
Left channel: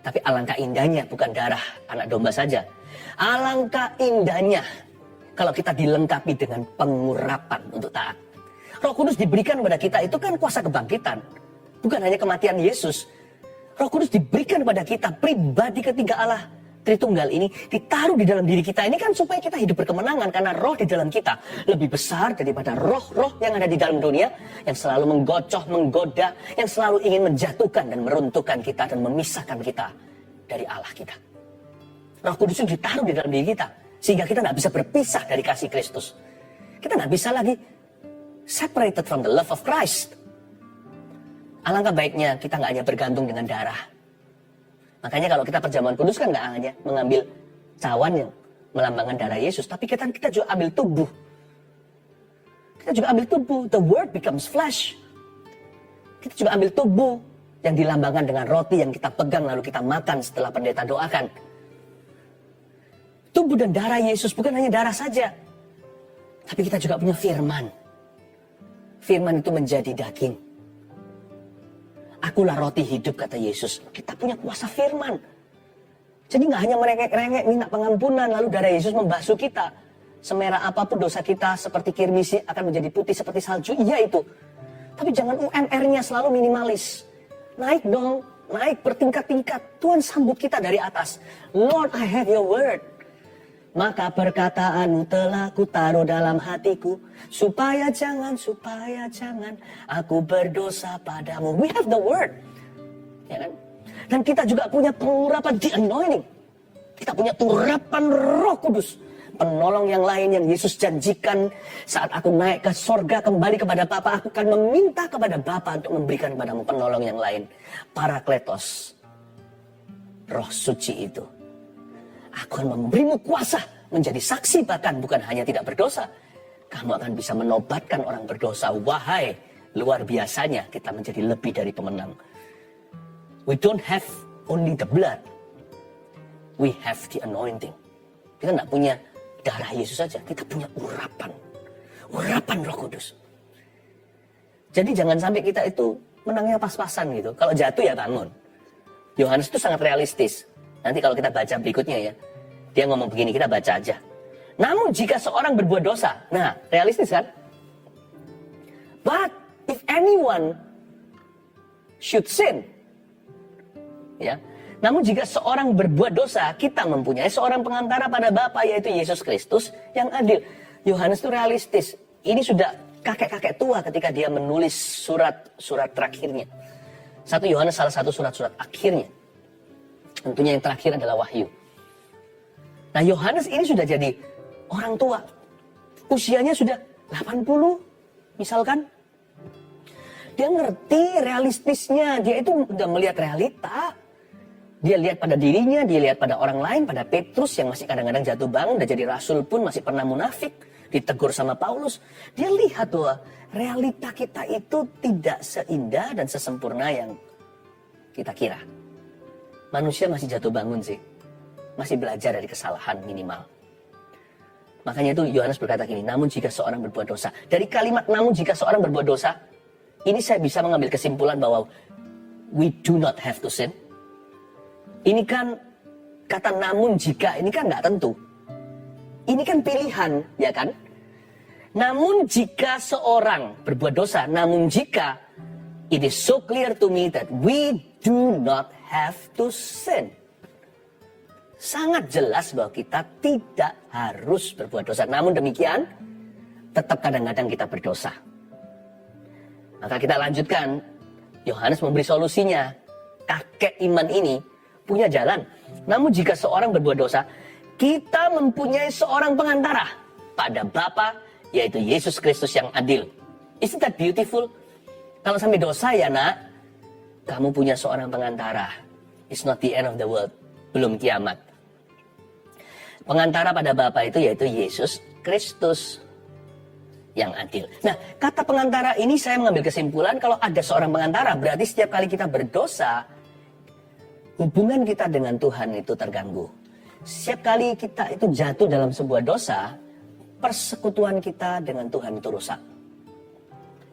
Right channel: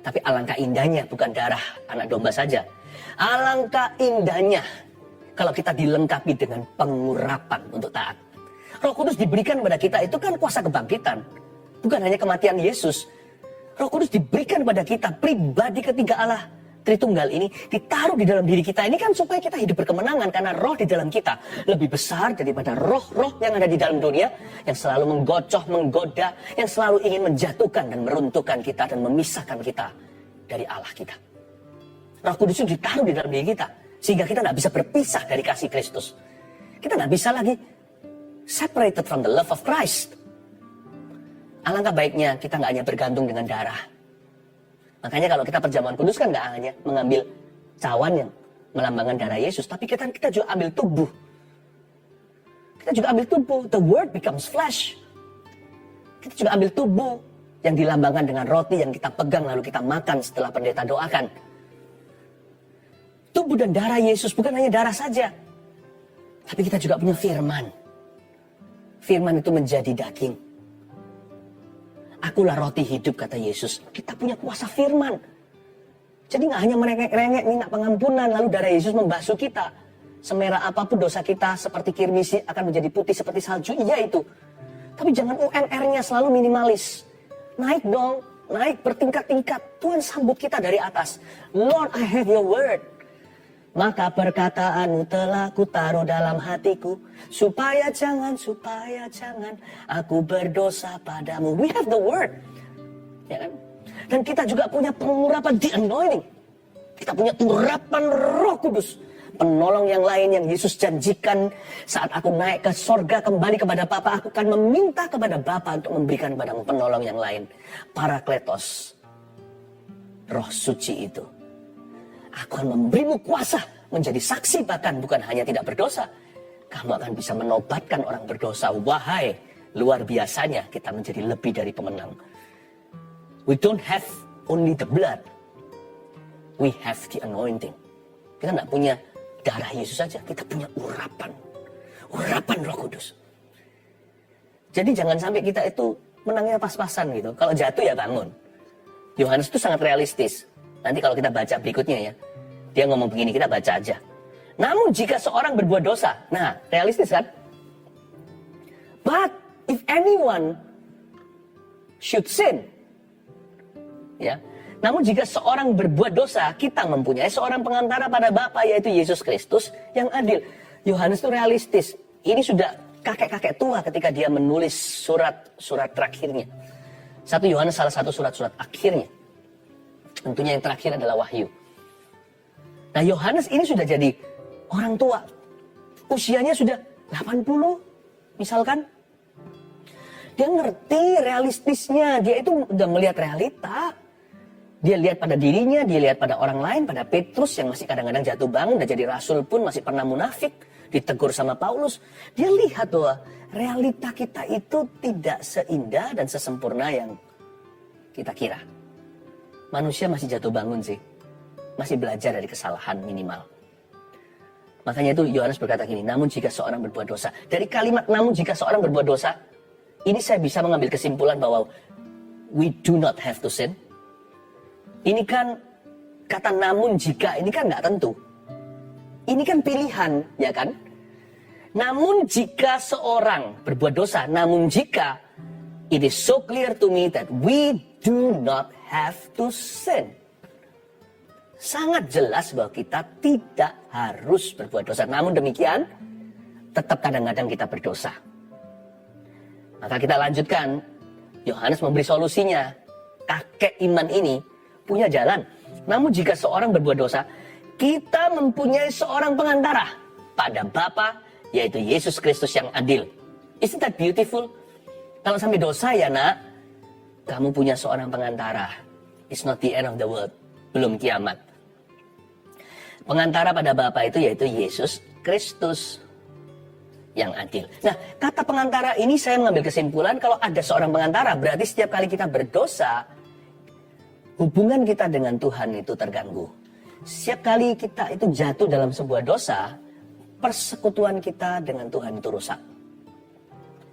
Tapi alangkah indahnya bukan darah anak domba saja. Alangkah indahnya kalau kita dilengkapi dengan pengurapan untuk taat. Roh Kudus diberikan kepada kita itu kan kuasa kebangkitan. Bukan hanya kematian Yesus. Roh Kudus diberikan kepada kita, pribadi ketiga Allah Tritunggal ini ditaruh di dalam diri kita. Ini kan supaya kita hidup berkemenangan, karena roh di dalam kita lebih besar daripada roh-roh yang ada di dalam dunia, yang selalu menggocoh, menggoda, yang selalu ingin menjatuhkan dan meruntuhkan kita dan memisahkan kita dari Allah kita. Roh Kudus itu ditaruh di dalam diri kita, sehingga kita tidak bisa berpisah dari kasih Kristus. Kita tidak bisa lagi separated from the love of Christ. Alangkah baiknya kita nggak hanya bergantung dengan darah. Makanya kalau kita perjamuan kudus kan nggak hanya mengambil cawan yang melambangkan darah Yesus, tapi kita juga ambil tubuh. Kita juga ambil tubuh. The word becomes flesh. Kita juga ambil tubuh yang dilambangkan dengan roti yang kita pegang lalu kita makan setelah pendeta doakan. Tubuh dan darah Yesus bukan hanya darah saja, tapi kita juga punya firman. Firman itu menjadi daging. Akulah roti hidup, kata Yesus. Kita punya kuasa firman. Jadi nggak hanya merengek-rengek minta pengampunan, lalu darah Yesus membasuh kita. Semerah apapun dosa kita, seperti kirmisi akan menjadi putih seperti salju. Iya itu. Tapi jangan UMR-nya selalu minimalis. Naik dong, naik bertingkat-tingkat. Tuhan sambut kita dari atas. Lord, I have your word. Maka perkataanmu telah kutaruh dalam hatiku, supaya jangan aku berdosa padamu. We have the word, ya kan? Dan kita juga punya pengurapan, the anointing. Kita punya urapan Roh Kudus, penolong yang lain yang Yesus janjikan, saat aku naik ke sorga kembali kepada Bapa, aku akan meminta kepada Bapa untuk memberikan padamu penolong yang lain, Parakletos, Roh Suci itu. Aku akan memberimu kuasa menjadi saksi, bahkan bukan hanya tidak berdosa. Kamu akan bisa menobatkan orang berdosa. Wahai, luar biasanya kita menjadi lebih dari pemenang. We don't have only the blood. We have the anointing. Kita tidak punya darah Yesus saja, kita punya urapan. Urapan Roh Kudus. Jadi jangan sampai kita itu menangnya pas-pasan gitu. Kalau jatuh ya bangun. Yohanes itu sangat realistis. Nanti kalau kita baca berikutnya ya, dia ngomong begini, kita baca aja. Namun jika seorang berbuat dosa, nah realistis kan? But if anyone should sin, ya. Namun jika seorang berbuat dosa, kita mempunyai seorang pengantara pada Bapa, yaitu Yesus Kristus yang adil. Yohanes itu realistis. Ini sudah kakek-kakek tua ketika dia menulis surat-surat terakhirnya. 1 Yohanes salah satu surat-surat akhirnya. Tentunya yang terakhir adalah Wahyu. Nah, Yohanes ini sudah jadi orang tua. Usianya sudah 80, misalkan. Dia ngerti realistisnya. Dia itu udah melihat realita. Dia lihat pada dirinya, dia lihat pada orang lain, pada Petrus yang masih kadang-kadang jatuh bangun, udah jadi rasul pun masih pernah munafik, ditegur sama Paulus. Dia lihat bahwa realita kita itu tidak seindah dan sesempurna yang kita kira. Manusia masih jatuh bangun sih, masih belajar dari kesalahan minimal. Makanya itu Yohanes berkata gini, namun jika seorang berbuat dosa. Dari kalimat namun jika seorang berbuat dosa, ini saya bisa mengambil kesimpulan bahwa we do not have to sin. Ini kan kata namun jika, ini kan nggak tentu. Ini kan pilihan, ya kan? Namun jika seorang berbuat dosa, namun jika it is so clear to me that we do not have to sin. Sangat jelas bahwa kita tidak harus berbuat dosa. Namun demikian, tetap kadang-kadang kita berdosa. Maka kita lanjutkan. Yohanes memberi solusinya. Kakek iman ini punya jalan. Namun jika seorang berbuat dosa, kita mempunyai seorang pengantara pada Bapa, yaitu Yesus Kristus yang adil. Isn't that beautiful? Kalau sampai dosa ya nak, kamu punya seorang pengantara. It's not the end of the world. Belum kiamat. Pengantara pada Bapa itu yaitu Yesus Kristus yang adil. Nah, kata pengantara ini saya mengambil kesimpulan kalau ada seorang pengantara, berarti setiap kali kita berdosa, hubungan kita dengan Tuhan itu terganggu. Setiap kali kita itu jatuh dalam sebuah dosa, persekutuan kita dengan Tuhan itu rusak.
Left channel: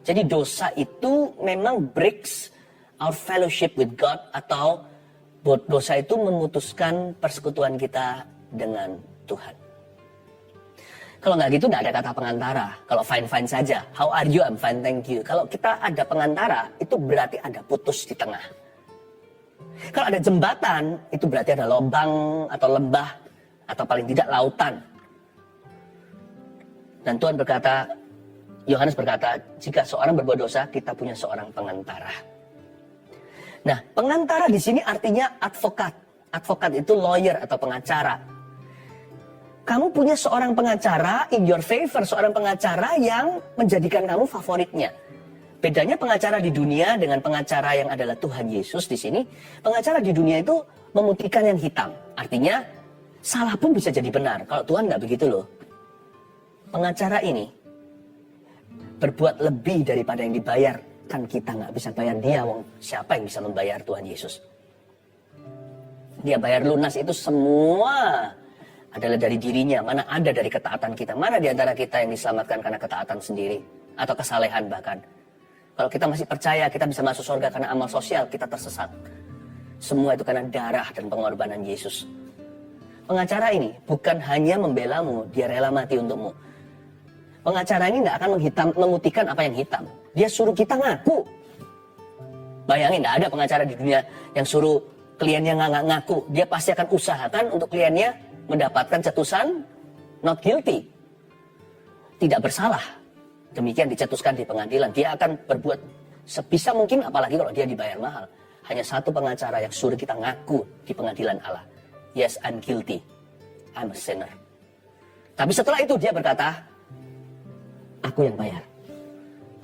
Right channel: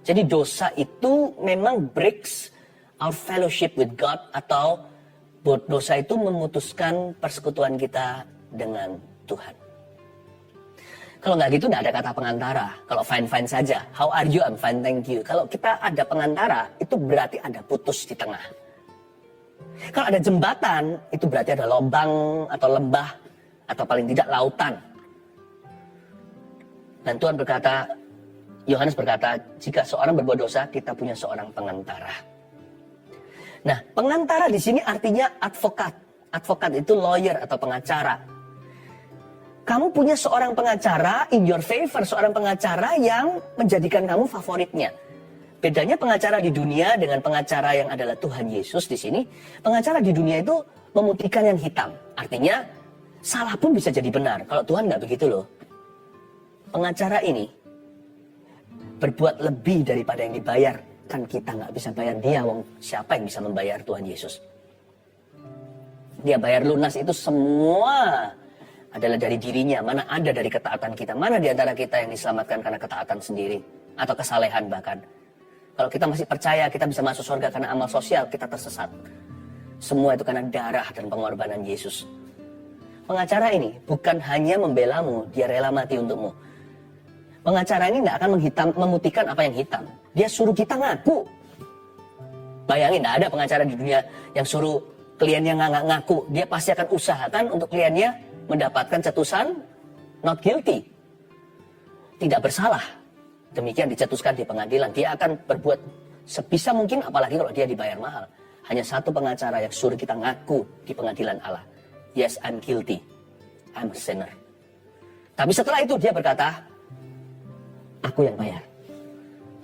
Jadi dosa itu memang breaks our fellowship with God, atau dosa itu memutuskan persekutuan kita dengan Tuhan. Kalau nggak gitu nggak ada kata pengantara. Kalau fine-fine saja, how are you? I'm fine, thank you. Kalau kita ada pengantara, itu berarti ada putus di tengah. Kalau ada jembatan, itu berarti ada lubang atau lembah, atau paling tidak lautan. Dan Tuhan berkata, Yohanes berkata, jika seorang berbuat dosa, kita punya seorang pengantara. Nah, pengantara di sini artinya advokat. Advokat itu lawyer atau pengacara. Kamu punya seorang pengacara in your favor, seorang pengacara yang menjadikan kamu favoritnya. Bedanya pengacara di dunia dengan pengacara yang adalah Tuhan Yesus di sini, pengacara di dunia itu memutihkan yang hitam. Artinya, salah pun bisa jadi benar. Kalau Tuhan nggak begitu loh. Pengacara ini berbuat lebih daripada yang dibayar. Kan kita nggak bisa bayar dia, wong siapa yang bisa membayar Tuhan Yesus? Dia bayar lunas itu semua adalah dari dirinya, mana ada dari ketaatan kita, mana di antara kita yang diselamatkan karena ketaatan sendiri, atau kesalehan bahkan. Kalau kita masih percaya kita bisa masuk surga karena amal sosial, kita tersesat. Semua itu karena darah dan pengorbanan Yesus. Pengacara ini bukan hanya membelamu, dia rela mati untukmu. Pengacara ini nggak akan memutihkan apa yang hitam. Dia suruh kita ngaku. Bayangin, nggak ada pengacara di dunia yang suruh kliennya nggak ngaku. Dia pasti akan usahakan untuk kliennya mendapatkan cetusan not guilty, tidak bersalah. Demikian dicetuskan di pengadilan. Dia akan berbuat sebisa mungkin, apalagi kalau dia dibayar mahal. Hanya satu pengacara yang suruh kita ngaku di pengadilan Allah. Yes, I'm guilty. I'm a sinner. Tapi setelah itu dia berkata, aku yang bayar.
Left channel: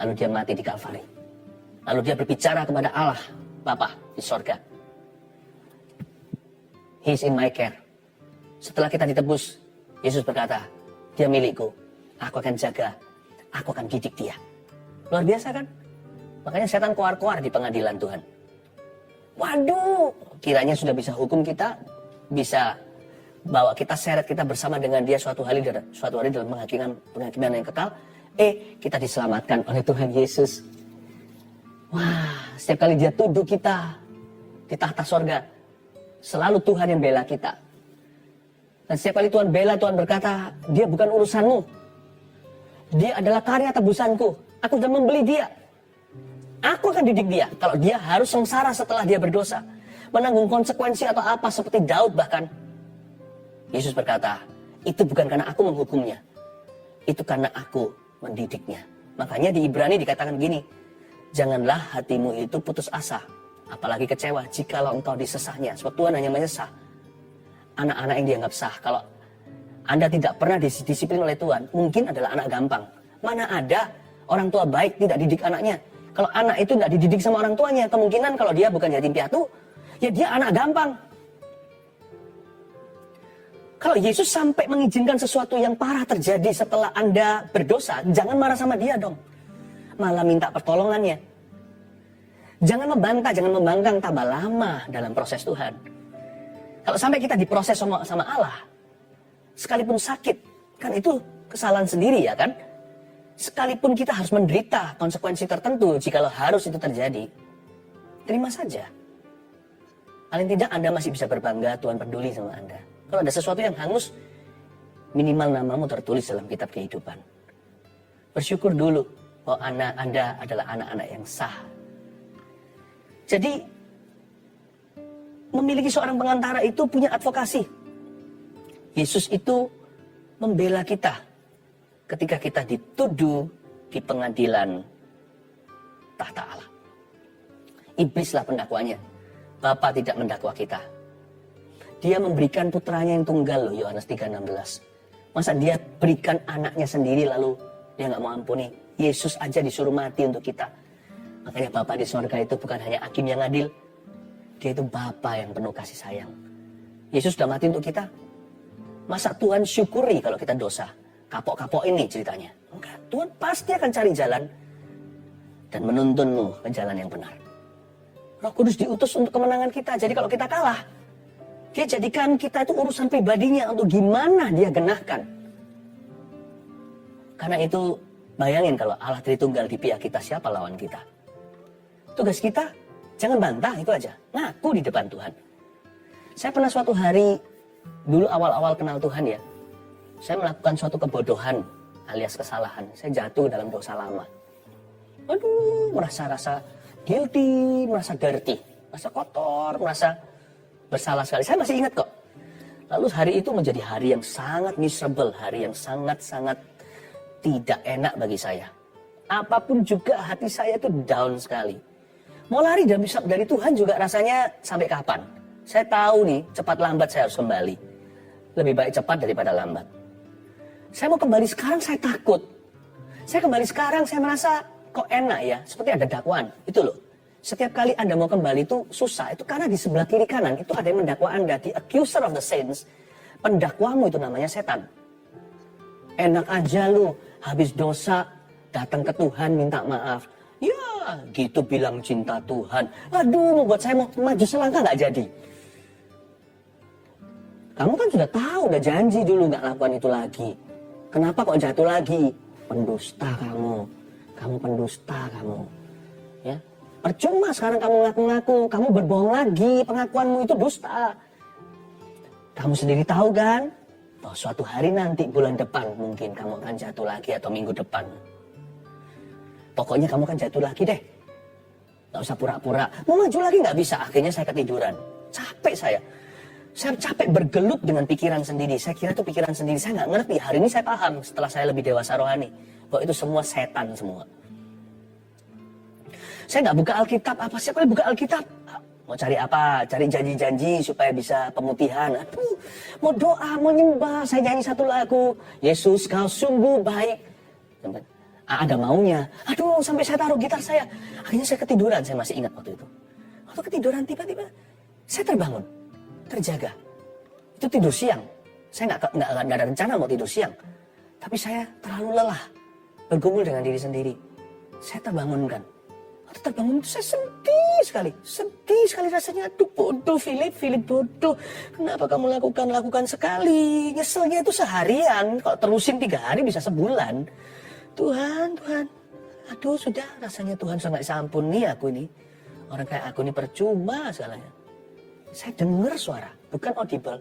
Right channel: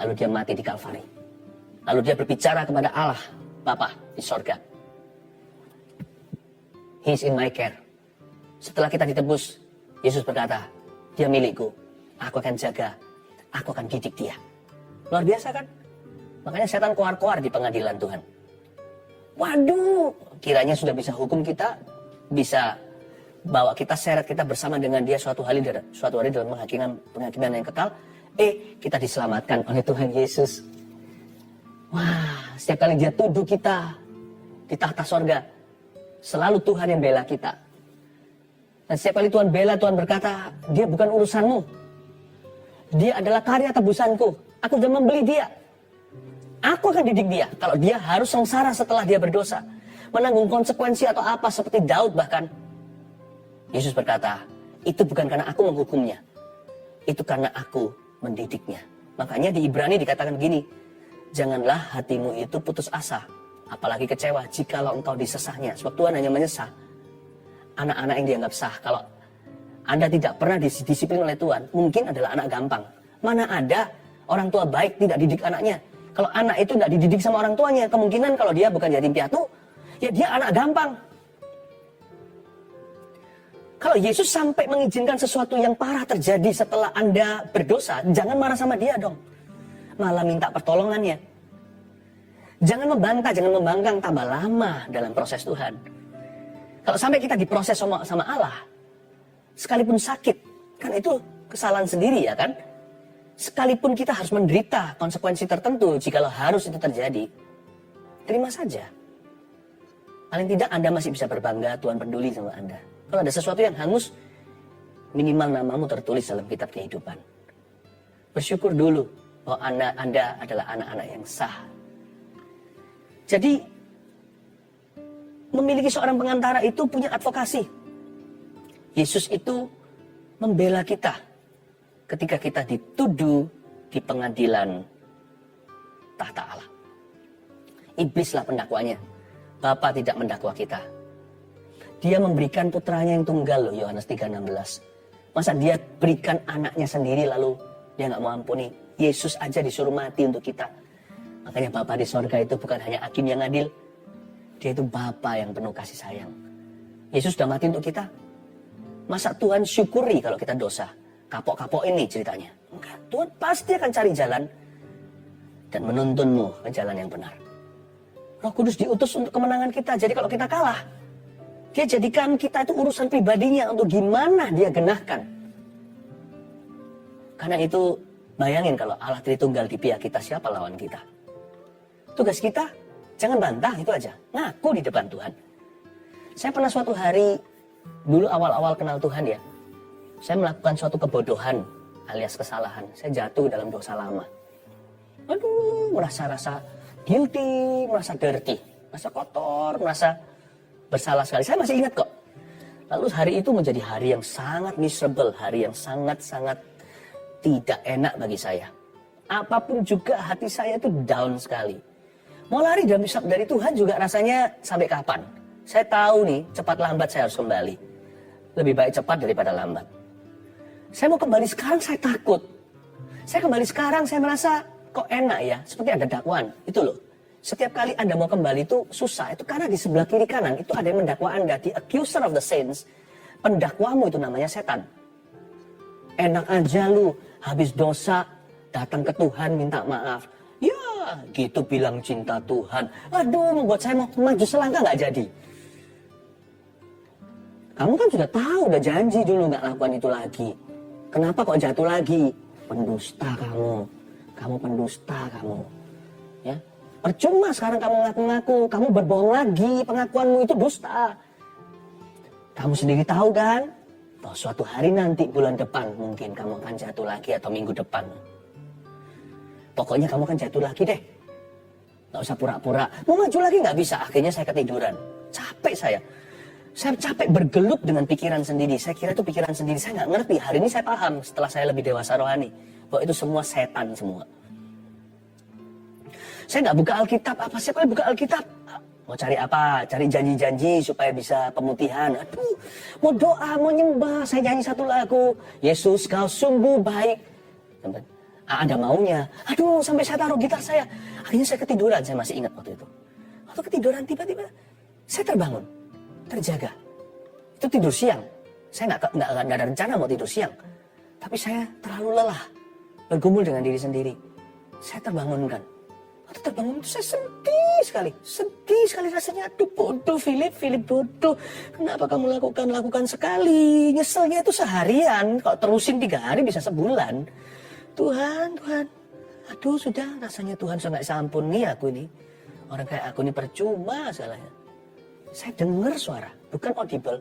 Lalu dia mati di Kalvari. Lalu dia berbicara kepada Allah, Bapa di sorga. He's in my care. Setelah kita ditebus, Yesus berkata, dia milikku, aku akan jaga, aku akan didik dia. Luar biasa kan? Makanya setan keluar-keluar di pengadilan Tuhan. Waduh, kiranya sudah bisa hukum kita, bisa bawa kita, seret kita bersama dengan dia suatu hari dalam penghakiman yang kekal. Kita diselamatkan oleh Tuhan Yesus. Wah, setiap kali dia tuduh kita di tahta sorga, selalu Tuhan yang bela kita. Dan setiap kali Tuhan bela, Tuhan berkata, dia bukan urusanmu. Dia adalah karya tebusanku. Aku sudah membeli dia. Aku akan didik dia. Kalau dia harus sengsara setelah dia berdosa, menanggung konsekuensi atau apa, seperti Daud bahkan. Yesus berkata, itu bukan karena aku menghukumnya. Itu karena aku mendidiknya. Makanya di Ibrani dikatakan gini, janganlah hatimu itu putus asa, apalagi kecewa jikalau engkau disesahnya. Sebab Tuhan hanya menyesah anak-anak yang dianggap sah. Kalau Anda tidak pernah disiplin oleh Tuhan, mungkin adalah anak gampang. Mana ada orang tua baik tidak didik anaknya. Kalau anak itu tidak dididik sama orang tuanya, kemungkinan kalau dia bukan yatim piatu, ya dia anak gampang. Kalau Yesus sampai mengizinkan sesuatu yang parah terjadi setelah Anda berdosa, jangan marah sama dia dong. Malah minta pertolongannya. Jangan membantah, jangan membangkang, tambah lama dalam proses Tuhan. Kalau sampai kita diproses sama Allah, sekalipun sakit, kan itu kesalahan sendiri ya kan? Sekalipun kita harus menderita konsekuensi tertentu, jikalau harus itu terjadi, terima saja. Paling tidak Anda masih bisa berbangga, Tuhan peduli sama Anda. Kalau ada sesuatu yang hangus, minimal namamu tertulis dalam kitab kehidupan. Bersyukur dulu bahwa Anda adalah anak-anak yang sah. Jadi, memiliki seorang pengantara itu punya advokasi. Yesus itu membela kita ketika kita dituduh di pengadilan tahta Allah. Iblislah pendakwanya. Bapa tidak mendakwa kita. Dia memberikan putranya yang tunggal loh, Yohanes 3:16. Masa dia berikan anaknya sendiri lalu dia nggak mau ampuni? Yesus aja disuruh mati untuk kita. Makanya Bapa di surga itu bukan hanya hakim yang adil. Dia itu Bapa yang penuh kasih sayang. Yesus sudah mati untuk kita. Masa Tuhan syukuri kalau kita dosa? Kapok-kapok ini ceritanya. Enggak, Tuhan pasti akan cari jalan dan menuntunmu ke jalan yang benar. Roh Kudus diutus untuk kemenangan kita. Jadi kalau kita kalah, dia jadikan kita itu urusan pribadinya untuk gimana dia genahkan. Karena itu bayangin kalau Allah Tritunggal di pihak kita, siapa lawan kita? Tugas kita jangan bantah, itu aja. Ngaku di depan Tuhan. Saya pernah suatu hari, dulu awal-awal kenal Tuhan ya, saya melakukan suatu kebodohan alias kesalahan. Saya jatuh ke dalam dosa lama. Aduh, merasa guilty, merasa dirty, merasa kotor, merasa bersalah sekali. Saya masih ingat kok. Lalu hari itu menjadi hari yang sangat miserable, hari yang sangat-sangat tidak enak bagi saya. Apapun juga hati saya itu down sekali. Mau lari dari Tuhan juga rasanya sampai kapan? Saya tahu nih, cepat lambat saya harus kembali. Lebih baik cepat daripada lambat. Saya mau kembali sekarang, saya takut. Saya kembali sekarang, saya merasa kok enak ya, seperti ada dakwaan. Itu loh. Setiap kali Anda mau kembali itu susah. Itu karena di sebelah kiri kanan itu ada yang mendakwa Anda. The accuser of the saints. Pendakwamu itu namanya setan. Enak aja lu, habis dosa, datang ke Tuhan minta maaf. Ya, gitu bilang cinta Tuhan. Aduh, membuat saya mau maju selangkah nggak jadi. Kamu kan sudah tahu, udah janji dulu nggak lakukan itu lagi. Kenapa kok jatuh lagi? Pendusta kamu. Kamu pendusta kamu. Ya, percuma sekarang kamu ngaku-ngaku. Kamu berbohong lagi. Pengakuanmu itu dusta. Kamu sendiri tahu kan? Bahwa suatu hari nanti bulan depan mungkin kamu akan jatuh lagi atau minggu depan. Pokoknya kamu kan jatuh lagi deh. Gak usah pura-pura. Mau maju lagi gak bisa. Akhirnya saya ketiduran. Capek saya. Saya capek bergelut dengan pikiran sendiri. Saya kira itu pikiran sendiri. Saya gak ngerti. Hari ini saya paham setelah saya lebih dewasa rohani. Bahwa itu semua setan semua. Saya gak buka Alkitab. Apa siapa yang buka Alkitab? Mau cari apa? Cari janji-janji supaya bisa pemutihan. Aduh, mau doa, mau nyembah. Saya nyanyi satu lagu. Yesus kau sungguh baik. Ada maunya. Aduh, sampai saya taruh gitar saya. Akhirnya saya ketiduran, saya masih ingat waktu itu. Waktu ketiduran tiba-tiba saya terbangun, terjaga. Itu tidur siang. Saya nggak ada rencana mau tidur siang. Tapi saya terlalu lelah, bergumul dengan diri sendiri. Saya terbangunkan. Waktu terbangun itu saya sedih sekali rasanya. Aduh bodoh Philip bodoh. Kenapa kamu lakukan sekali? Nyeselnya itu seharian. Kalau terusin 3 hari bisa sebulan. Tuhan, aduh sudah rasanya Tuhan sudah nggak sampuni aku ini. Orang kayak aku ini percuma segalanya. Saya dengar suara, bukan audible,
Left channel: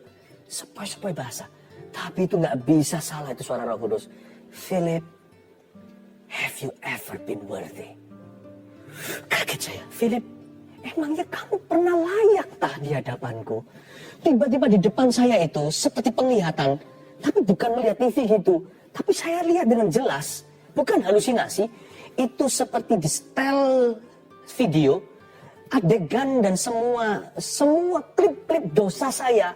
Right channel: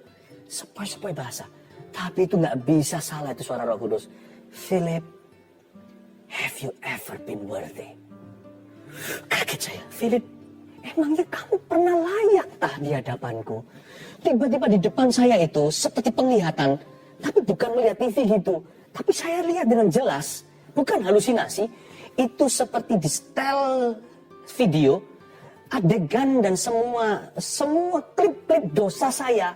sepoi-sepoi bahasa. Tapi itu nggak bisa salah, itu suara Roh Kudus. Philip, have you ever been worthy? Kaget saya, Philip, emangnya kamu pernah layak tah di hadapanku? Tiba-tiba di depan saya itu seperti penglihatan, tapi bukan melihat TV gitu. Tapi saya lihat dengan jelas. Bukan halusinasi, itu seperti di setel video, adegan dan semua klip-klip dosa saya.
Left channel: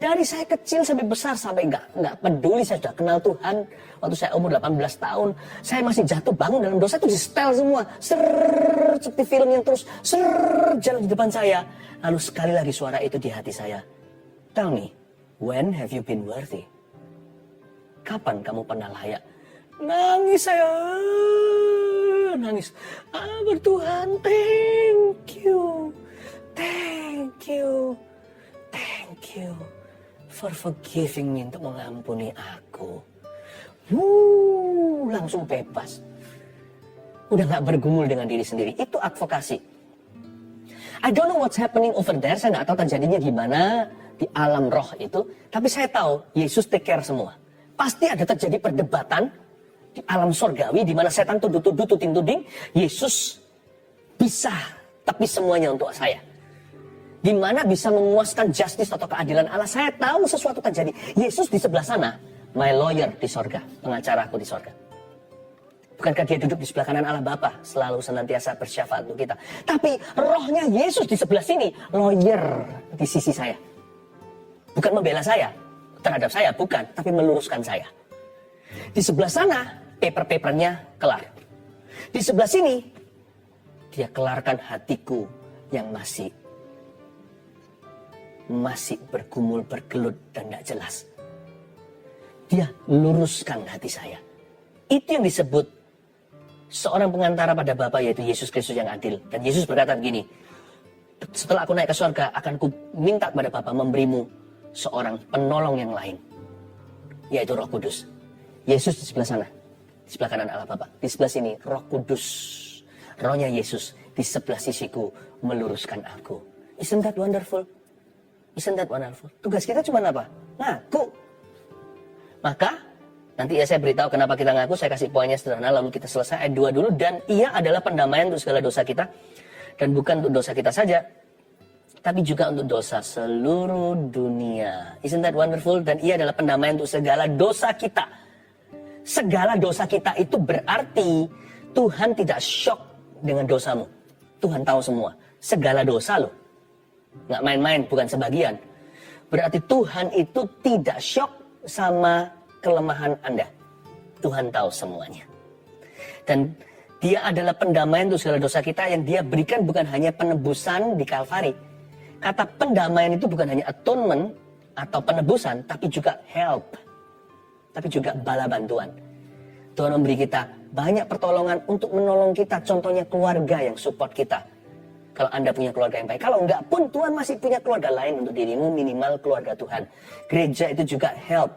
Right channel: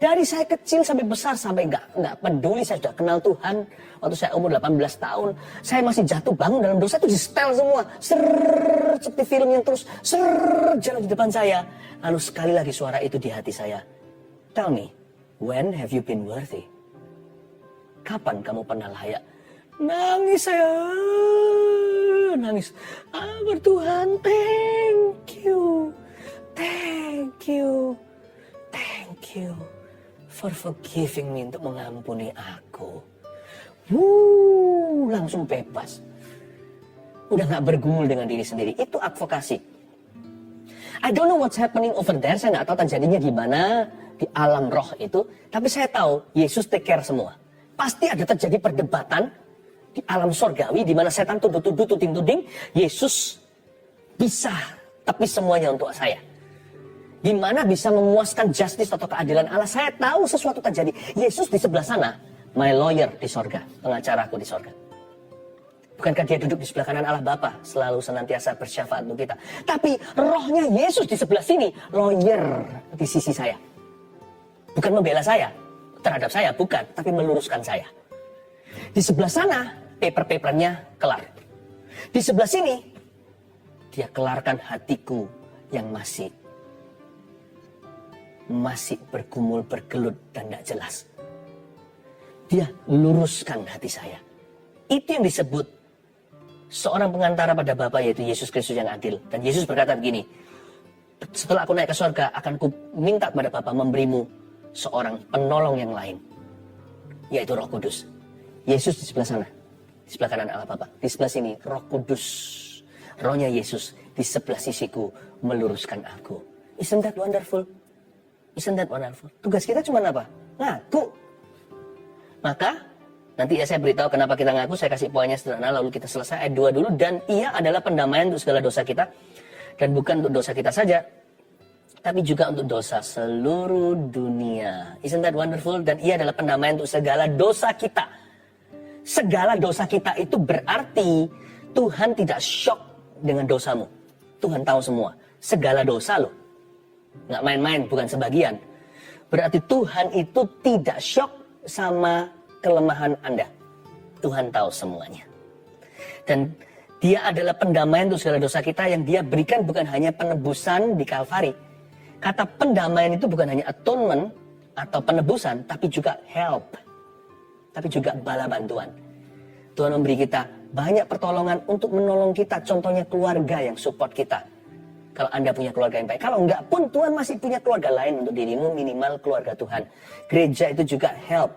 Dari saya kecil sampai besar, sampai nggak peduli, saya sudah kenal Tuhan. Waktu saya umur 18 tahun, saya masih jatuh bangun dalam dosa, itu di setel semua. Seperti film yang terus jalan di depan saya. Lalu sekali lagi suara itu di hati saya. Tell me, When have you been worthy? Kapan kamu pernah layak? Nangis saya, nangis. Bertuhan, thank you, thank you for forgiving me, untuk mengampuni aku. Langsung bebas. Udah gak bergumul dengan diri sendiri. Itu advokasi. I don't know what's happening over there. Saya gak tahu terjadinya gimana di alam roh itu. Tapi saya tahu Yesus take care semua. Pasti ada terjadi perdebatan di alam sorgawi, di mana setan tuduh-tuduh, tuding-tuding. Yesus bisa, tapi semuanya untuk saya. Di mana bisa memuaskan justice atau keadilan Allah. Saya tahu sesuatu terjadi. Yesus di sebelah sana. My lawyer di sorga. Pengacaraku di sorga. Bukankah dia duduk di sebelah kanan Allah Bapa, selalu senantiasa bersyafaat untuk kita. Tapi rohnya Yesus di sebelah sini. Lawyer di sisi saya. Bukan membela saya terhadap saya, bukan. Tapi meluruskan saya. Di sebelah sana, paper-papernya kelar. Di sebelah sini, dia kelarkan hatiku yang masih bergumul, bergelut, dan tidak jelas. Dia luruskan hati saya. Itu yang disebut seorang pengantara pada Bapa, yaitu Yesus Kristus yang adil. Dan Yesus berkata begini, setelah aku naik ke surga, akan ku minta kepada Bapa memberimu seorang penolong yang lain, yaitu Roh Kudus. Yesus di sebelah sana, di sebelah kanan Allah Bapa. Di sebelah sini Roh Kudus, rohnya Yesus di sebelah sisiku meluruskan aku. Isn't that wonderful? Isn't that wonderful? Tugas kita cuma apa? Ngaku. Maka nanti ya saya beritahu kenapa kita ngaku. Saya kasih poinnya sederhana, lalu kita selesai ayat 2 dulu. Dan ia adalah pendamaian untuk segala dosa kita. Dan bukan untuk dosa kita saja, tapi juga untuk dosa seluruh dunia. Isn't that wonderful? Dan ia adalah pendamaian untuk segala dosa kita. Segala dosa kita itu berarti Tuhan tidak shock dengan dosamu. Tuhan tahu semua. Segala dosa loh. Nggak main-main, bukan sebagian. Berarti Tuhan itu tidak shock sama kelemahan Anda. Tuhan tahu semuanya. Dan dia adalah pendamaian untuk segala dosa kita yang dia berikan bukan hanya penebusan di Kalvari. Kata pendamaian itu bukan hanya atonement atau penebusan, tapi juga help. Tapi juga bala bantuan. Tuhan memberi kita banyak pertolongan untuk menolong kita. Contohnya keluarga yang support kita. Kalau Anda punya keluarga yang baik. Kalau enggak pun Tuhan masih punya keluarga lain untuk dirimu, minimal keluarga Tuhan. Gereja itu juga help.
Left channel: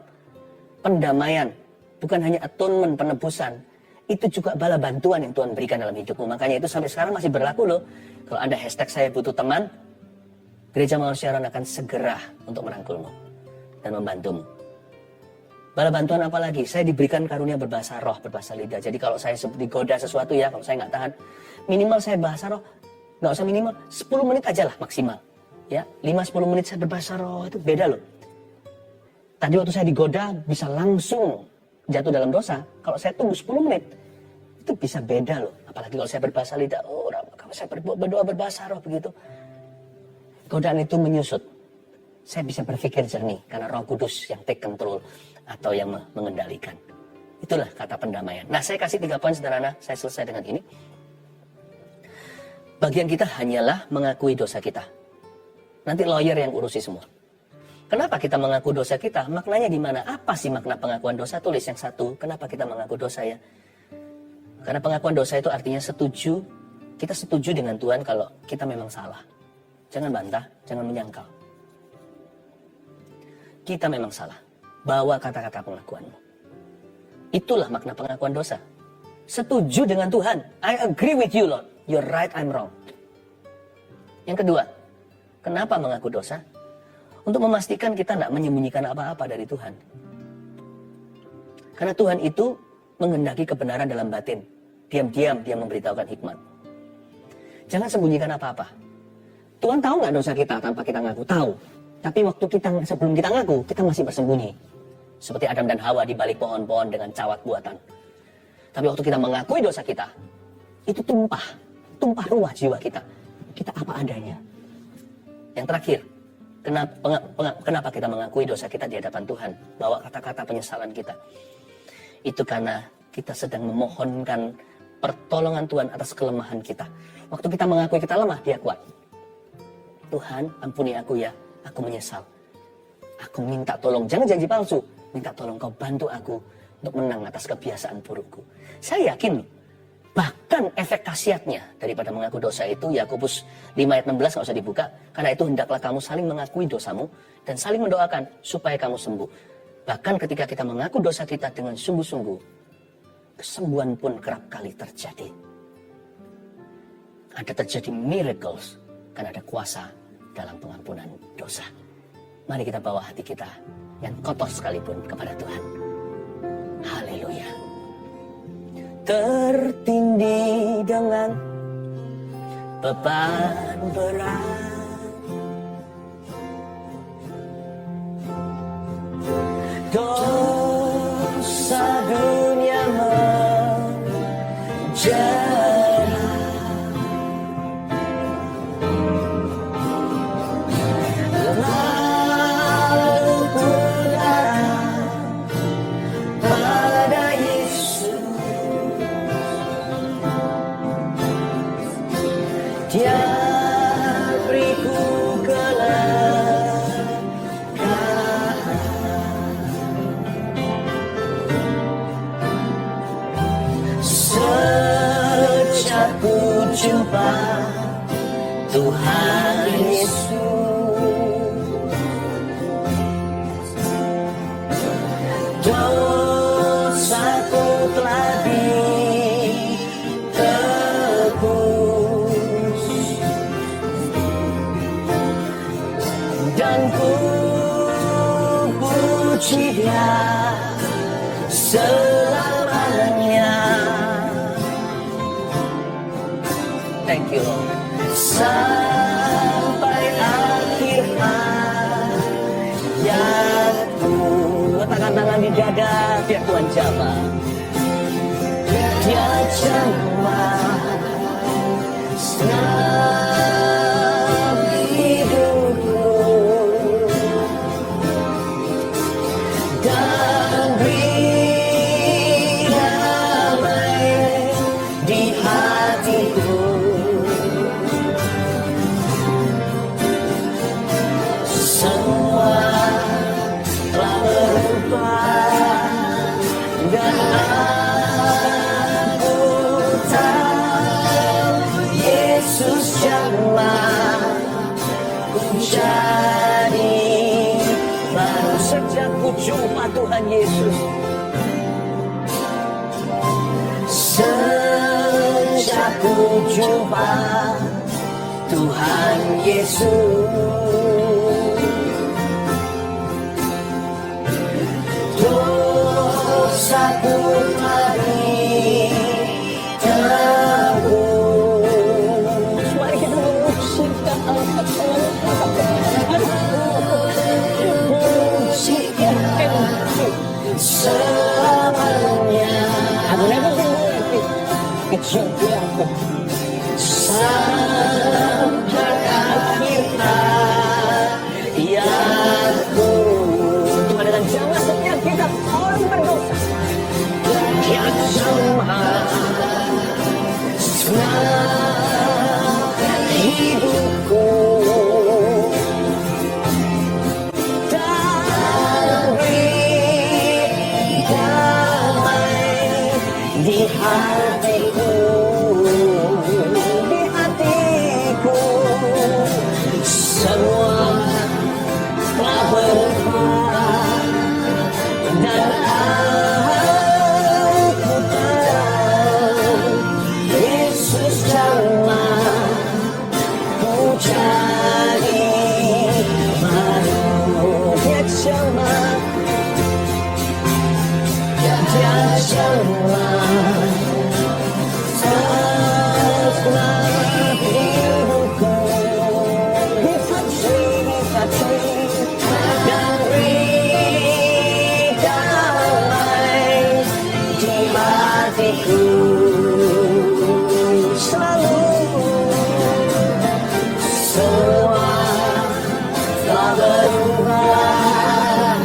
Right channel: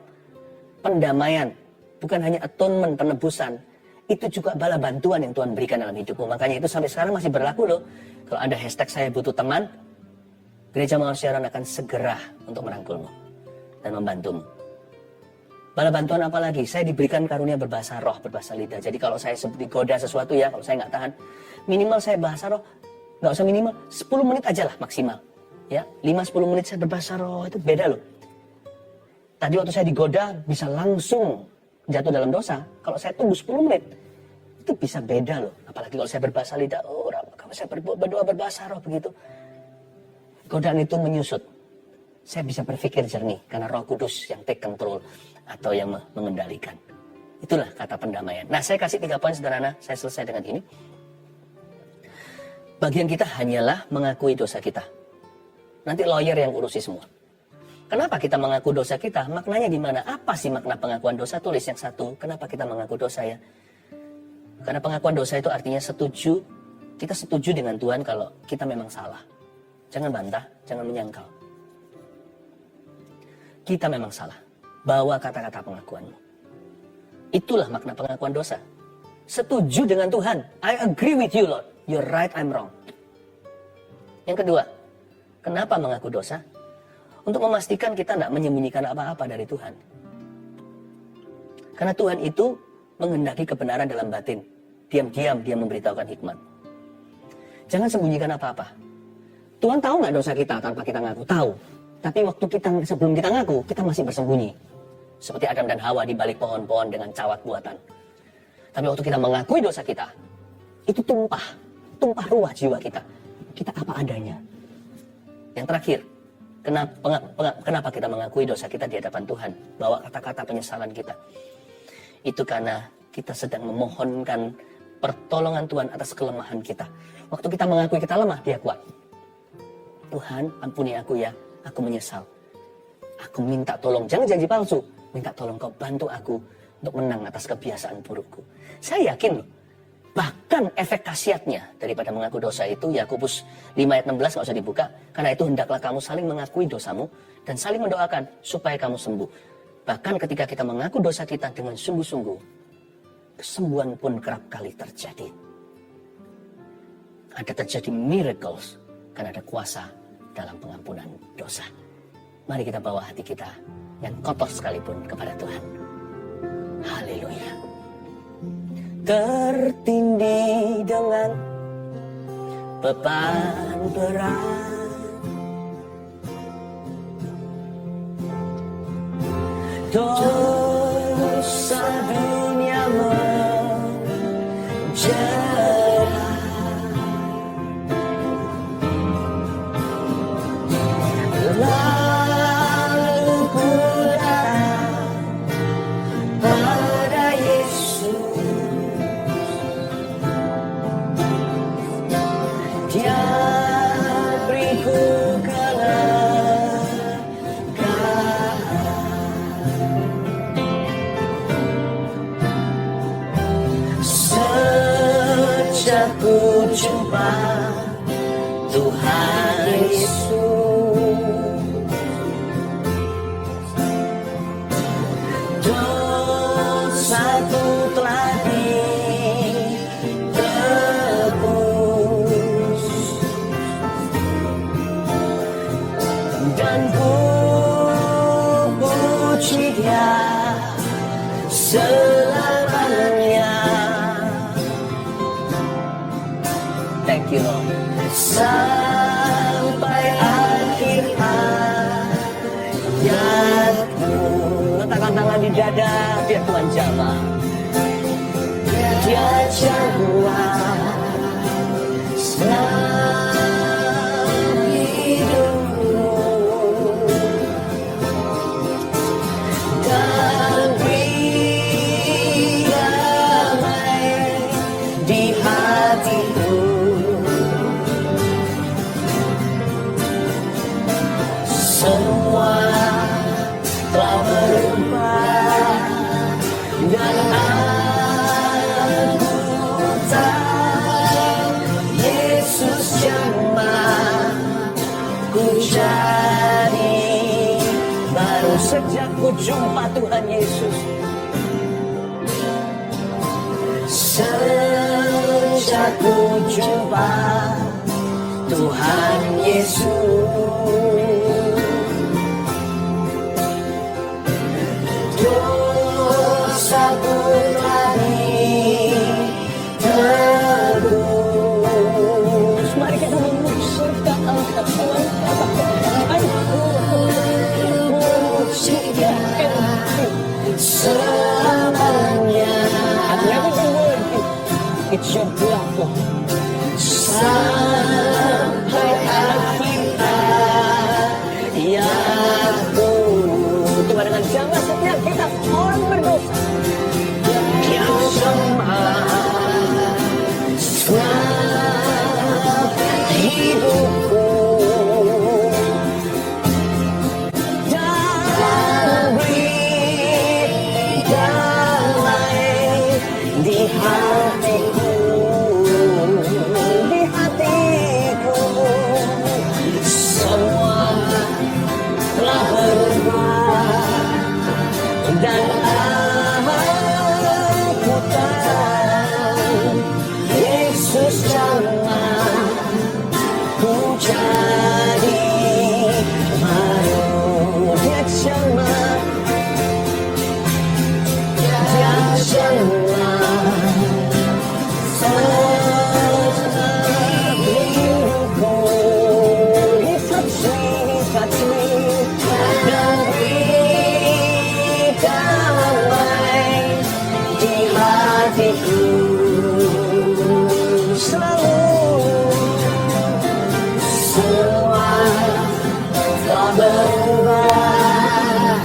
Pendamaian. Bukan hanya atonement, penebusan. Itu juga bala bantuan yang Tuhan berikan dalam hidupmu. Makanya itu sampai sekarang masih berlaku loh. Kalau ada hashtag saya butuh teman, Gereja Mawar Siaran akan segera untuk merangkulmu dan membantumu. Bala bantuan apa lagi? Saya diberikan karunia berbahasa roh, berbahasa lidah. Jadi kalau saya digoda sesuatu ya, kalau saya nggak tahan, minimal saya bahasa roh. Nggak usah minimal, 10 menit aja lah maksimal. Ya, 5-10 menit saya berbahasa roh, itu beda loh. Tadi waktu saya digoda bisa langsung jatuh dalam dosa. Kalau saya tunggu 10 menit, itu bisa beda loh. Apalagi kalau saya berbahasa lidah, kalau saya berdoa berbahasa roh begitu. Godaan itu menyusut. Saya bisa berpikir jernih karena Roh Kudus yang take control atau yang mengendalikan. Itulah kata pendamaian. Nah, saya kasih 3 poin sederhana, saya selesai dengan ini. Bagian kita hanyalah mengakui dosa kita. Nanti lawyer yang urusi semua. Kenapa kita mengaku dosa kita? Maknanya di mana? Apa sih makna pengakuan dosa? Tulis yang satu. Kenapa kita mengaku dosa ya? Karena pengakuan dosa itu artinya setuju. Kita setuju dengan Tuhan kalau kita memang salah. Jangan bantah, jangan menyangkal. Kita memang salah. Bawa kata-kata pengakuanmu. Itulah makna pengakuan dosa. Setuju dengan Tuhan. I agree with you, Lord. You're right, I'm wrong. Yang kedua, kenapa mengaku dosa? Untuk memastikan kita tidak menyembunyikan apa-apa dari Tuhan. Karena Tuhan itu menghendaki kebenaran dalam batin. Diam-diam dia memberitahukan hikmat. Jangan sembunyikan apa-apa. Tuhan tahu nggak dosa kita tanpa kita ngaku? Tahu. Tapi waktu sebelum kita ngaku, kita masih bersembunyi. Seperti Adam dan Hawa di balik pohon-pohon dengan cawat buatan. Tapi waktu kita mengakui dosa kita, itu tumpah ruah jiwa kita. Kita apa adanya. Yang terakhir, kenapa kita mengakui dosa kita di hadapan Tuhan? Bawa kata-kata penyesalan kita. Itu karena kita sedang memohonkan pertolongan Tuhan atas kelemahan kita. Waktu kita mengakui kita lemah, dia kuat. Tuhan, ampuni aku ya, aku menyesal. Aku minta tolong, jangan janji palsu. Minta tolong kau bantu aku untuk menang atas kebiasaan burukku. Saya yakin loh, bahkan efek khasiatnya daripada mengaku dosa itu, Yakobus 5 ayat 16 nggak usah dibuka. Karena itu hendaklah kamu saling mengakui dosamu dan saling mendoakan supaya kamu sembuh. Bahkan ketika kita mengaku dosa kita dengan sungguh-sungguh, kesembuhan pun kerap kali terjadi. Ada terjadi miracles karena ada kuasa dalam pengampunan dosa. Mari kita bawa hati kita yang kotor sekalipun kepada Tuhan. Haleluya. Tertindih dengan beban berat, dosa dunia menjerat, lalu ku datang pada Yesus. Dia beriku sejak ku jumpa Tuhan Yesus, dosaku telah ditebus dan ku puji Dia selamanya. Thank you Lord. Sampai akhir hayatku. Letakkan tangan di dada, biar Tuhan jamah. Dia jamah senang hidupku dan beri damai di hatiku. Semua telah berubah dan aku tahu Yesus jamah ku jadi baru sejak ku jumpa Tuhan Yesus. Sejak ku jumpa Tuhan Yesus, dosaku telah ditebus. Mari kita memujikan selamanya. It's your platform. Sampai akhir hayatku. Tuhan dengan jangan setiap kita orang berdosa yang sama selamatkan hidupku dan beri damai di hatiku, di hatiku. Semua telah berubah dan aku tahu Yesus jamah ku jadi baru. Dia jamah, dia jamah setelah hidupku. Hipati dan beri damai di hatiku. Selalu semua telah berubah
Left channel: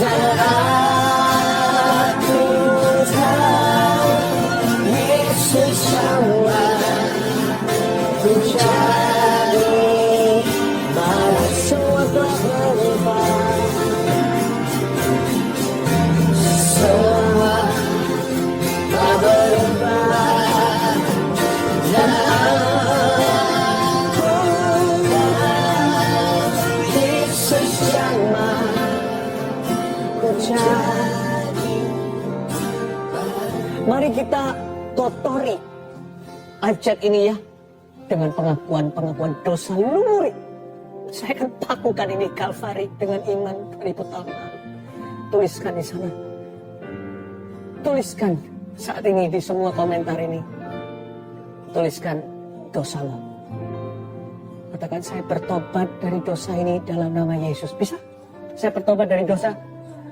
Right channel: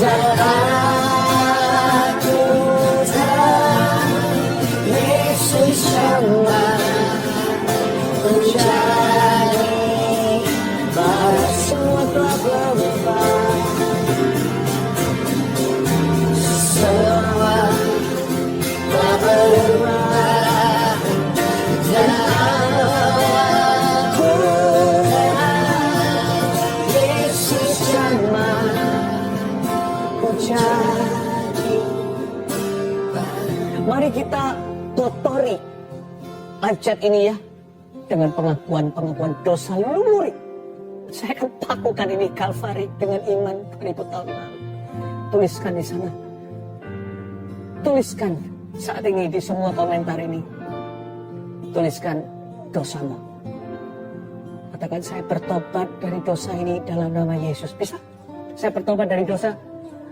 dan aku tahu Yesus jamah ku jadi baru. Semua telah berubah Mari kita kotori live chat ini ya, dengan pengakuan dosa lumuri. Saya akan pakukan ini Kalvari dengan iman 2000 tahun lalu. Tuliskan di sana. Tuliskan saat ini di semua komentar ini. Tuliskan dosamu. Katakan, saya bertobat dari dosa ini dalam nama Yesus. Bisa? Saya bertobat dari dosa.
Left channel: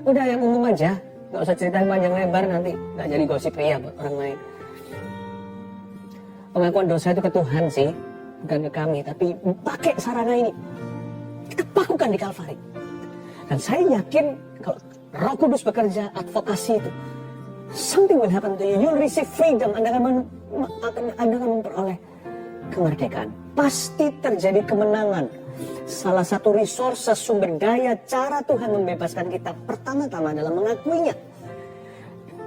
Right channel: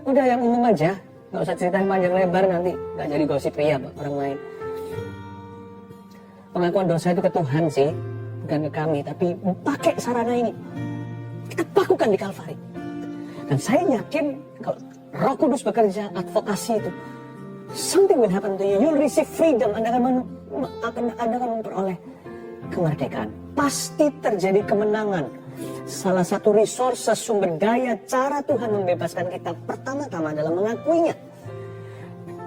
Udah yang umum aja. Gak usah cerita panjang lebar nanti. Gak jadi gosip ria buat orang lain. Pengakuan dosa itu ke Tuhan sih. Bukan ke kami. Tapi pakai sarana ini. Kita pakukan di Kalvari. Dan saya yakin kalau Roh Kudus bekerja, advokasi itu, something will happen to you. You'll receive freedom. Anda akan memperoleh kemerdekaan. Pasti terjadi kemenangan. Salah satu resource, sumber daya, cara Tuhan membebaskan kita pertama-tama dalam mengakuinya.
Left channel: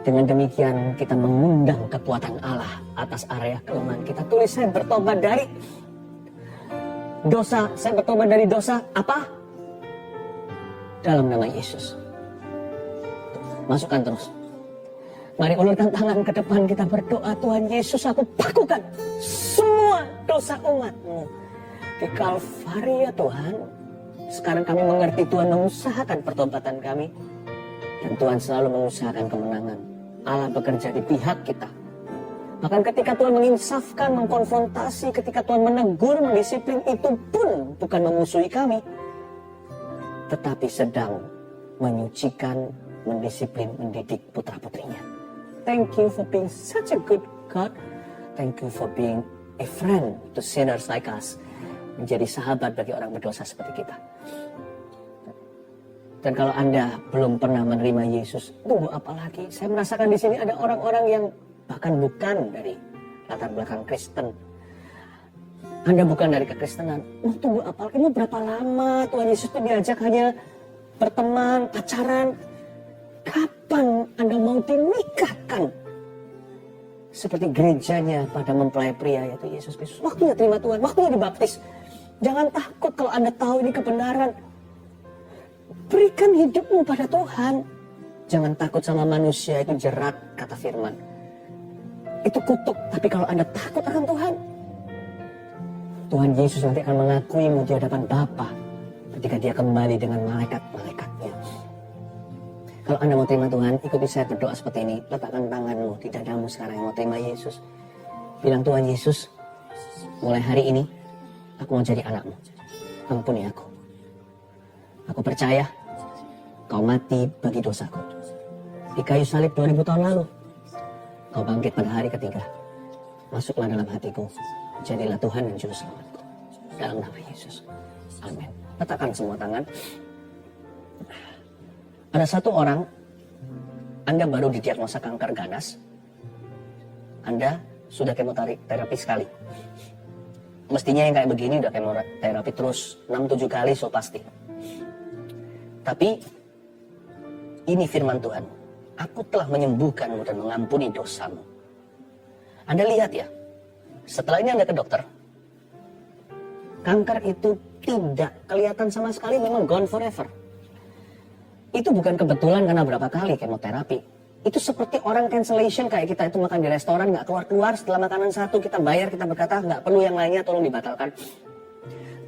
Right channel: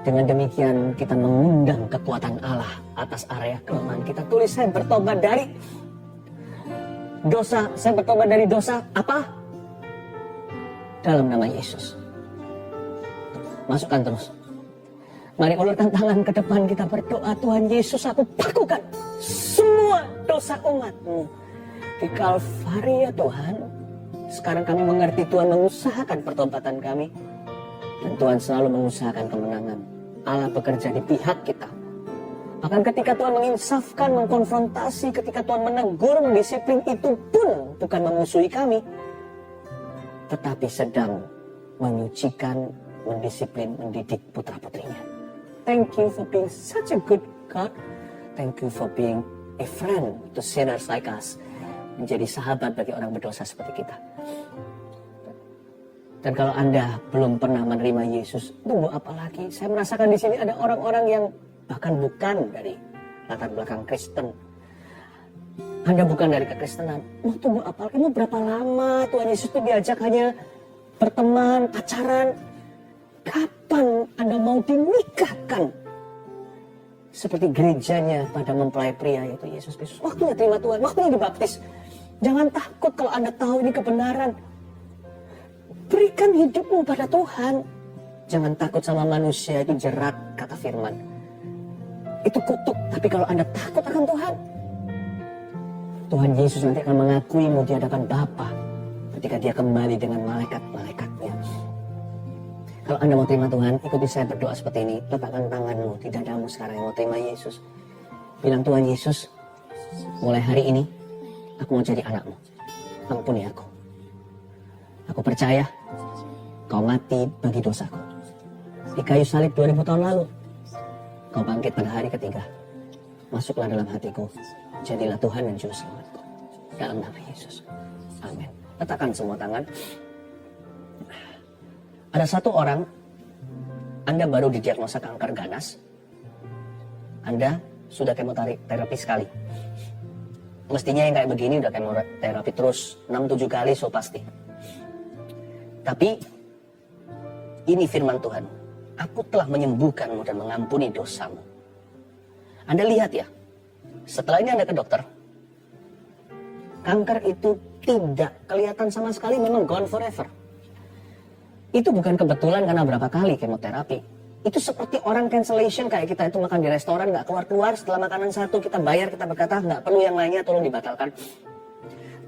Dengan demikian kita mengundang kekuatan Allah atas area kelemahan kita. Tulis, saya bertobat dari dosa. Saya bertobat dari dosa apa? Dalam nama Yesus. Masukkan terus. Mari ulurkan tangan ke depan, kita berdoa. Tuhan Yesus, aku pakukan semua dosa umat-Mu di Kalvari ya Tuhan. Sekarang kami mengerti Tuhan mengusahakan pertobatan kami. Dan Tuhan selalu mengusahakan kemenangan. Allah bekerja di pihak kita. Bahkan ketika Tuhan menginsafkan, mengkonfrontasi, ketika Tuhan menegur, mendisiplin, itu pun bukan memusuhi kami. Tetapi sedang menyucikan, mendisiplin, mendidik putra-putrinya. Thank you for being such a good God. Thank you for being a friend to sinners like us. Menjadi sahabat bagi orang berdosa seperti kita. Dan kalau Anda belum pernah menerima Yesus, tunggu apa lagi? Saya merasakan di sini ada orang-orang yang bahkan bukan dari latar belakang Kristen. Anda bukan dari kekristenan. Mau tunggu apa lagi? Mau berapa lama Tuhan Yesus itu diajak hanya berteman, pacaran? Kapan Anda mau dinikahkan? Seperti gerejanya pada mempelai pria, yaitu Yesus Kristus. Waktunya terima Tuhan, waktunya dibaptis. Jangan takut kalau Anda tahu ini kebenaran. Berikan hidupmu pada Tuhan. Jangan takut sama manusia, itu jerat, kata firman. Itu kutuk, tapi kalau Anda takut akan Tuhan, Tuhan Yesus nanti akan mengakuimu di hadapan Bapa ketika dia kembali dengan malaikat-malaikatnya. Kalau Anda mau terima Tuhan, ikuti saya berdoa seperti ini. Letakkan tanganmu di dadamu sekarang yang mau terima Yesus. Bilang, Tuhan Yesus, mulai hari ini aku mau jadi anakmu. Ampuni aku. Aku percaya kau mati bagi dosaku. Di kayu salib 2000 tahun lalu. Kau bangkit pada hari ketiga. Masuklah dalam hatiku. Jadilah Tuhan dan Juru Selamatku. Dalam nama Yesus. Amin. Letakkan semua tangan. Ada satu orang, Anda baru didiagnosa kanker ganas. Anda sudah kemoterapi sekali. Mestinya yang kayak begini udah kemoterapi terus 6-7 kali so pasti. Tapi ini firman Tuhan. Aku telah menyembuhkanmu dan mengampuni dosamu. Anda lihat ya, setelah ini Anda ke dokter. Kanker itu tidak kelihatan sama sekali, memang gone forever. Itu bukan kebetulan karena berapa kali kemoterapi. Itu seperti orang cancellation, kayak kita itu makan di restoran nggak keluar-keluar, setelah makanan satu kita bayar, kita berkata nggak perlu yang lainnya, tolong dibatalkan.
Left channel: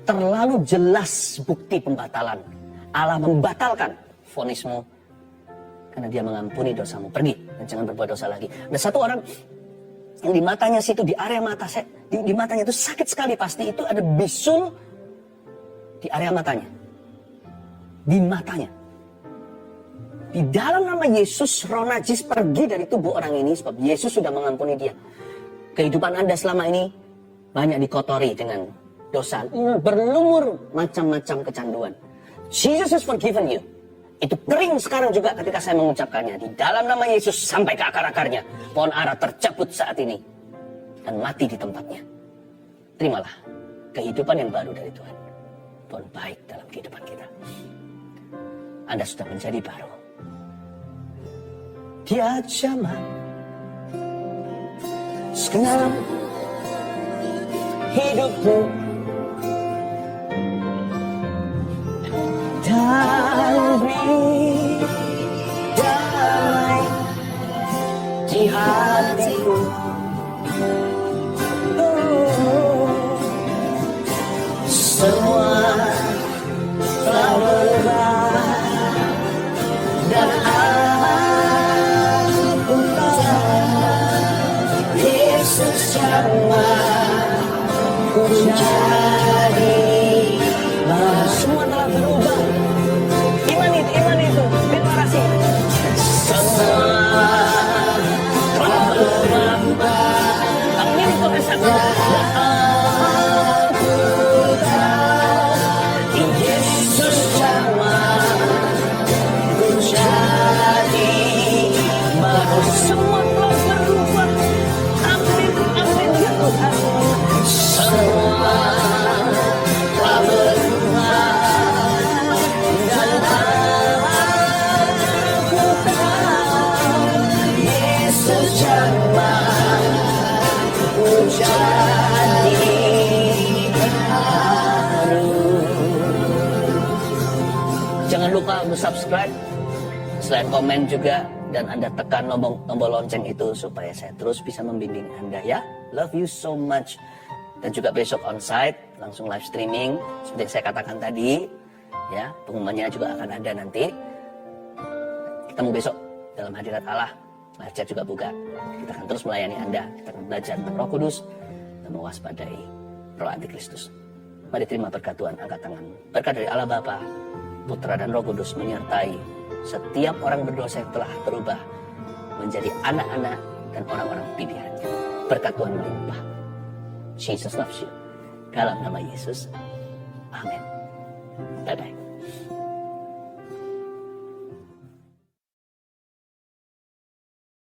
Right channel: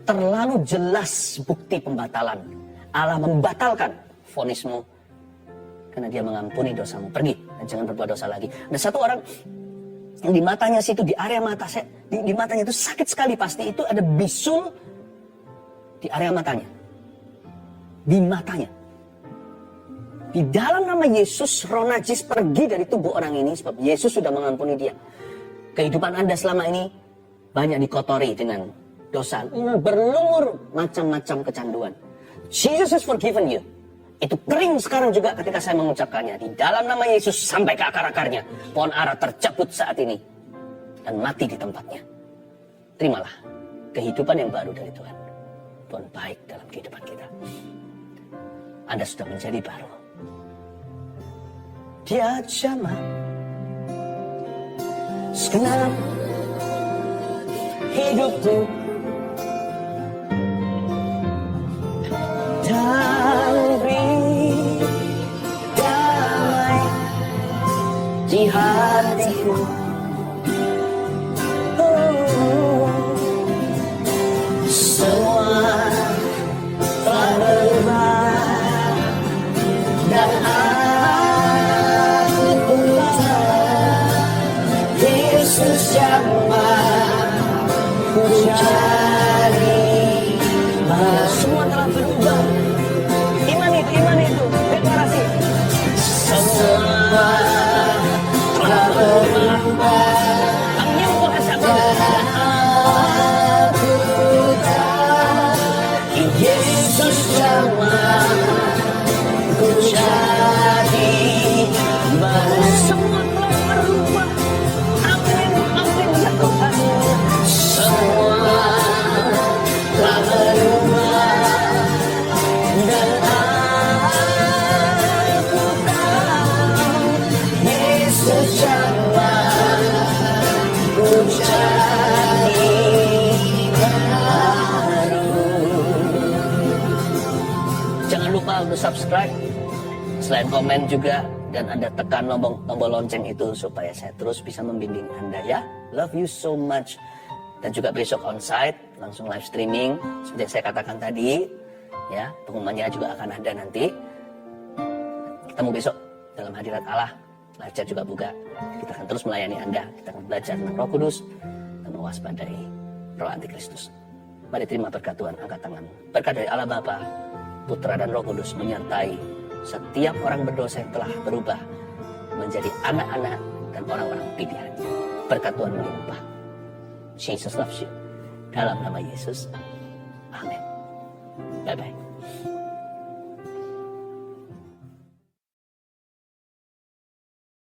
Terlalu jelas bukti pembatalan. Allah membatalkan vonismu karena dia mengampuni dosamu. Pergi dan jangan berbuat dosa lagi. Ada satu orang yang di matanya situ, di area mata saya, di matanya itu sakit sekali, pasti itu ada bisul di area matanya. Di matanya. Di dalam nama Yesus, roh najis pergi dari tubuh orang ini sebab Yesus sudah mengampuni dia. Kehidupan Anda selama ini banyak dikotori dengan dosa, berlumur macam-macam kecanduan. Jesus has forgiven you. Itu kering sekarang juga ketika saya mengucapkannya. Di dalam nama Yesus sampai ke akar-akarnya. Pohon ara tercabut saat ini dan mati di tempatnya. Terimalah kehidupan yang baru dari Tuhan. Tuhan baik dalam kehidupan kita. Anda sudah menjadi baru. Dia zaman segenap hidupku dan beri damai di hati. hatiku. Semua telah berubah dan aku pulang. Yesus yang ku cari. Semua telah berubah. Iman itu, deklarasi. Semua telah berubah. Amin, gua kesaksian. Yesus sama ku cari. Semua telah berubah. Amin, amin ya Tuhan. Semua telah berubah dan aku tahu Yesus sama ku cari. Jangan lupa untuk subscribe, selain komen juga, dan Anda tekan tombol lonceng itu supaya saya terus bisa membimbing Anda ya. Love you so much. Dan juga besok onsite, langsung live streaming, seperti yang saya katakan tadi, ya, pengumumannya juga akan ada nanti. Ketemu besok dalam hadirat Allah, live chat juga buka. Kita akan terus melayani Anda, kita akan belajar tentang Roh Kudus dan mewaspadai roh antikristus. Mari terima berkat Tuhan, angkat tanganmu. Berkat dari Allah Bapa, Putra dan Roh Kudus menyertai setiap orang berdosa yang telah berubah menjadi anak-anak dan orang-orang pilihannya. Berkat Tuhan melimpah. Jesus loves you. Dalam nama Yesus. Amin.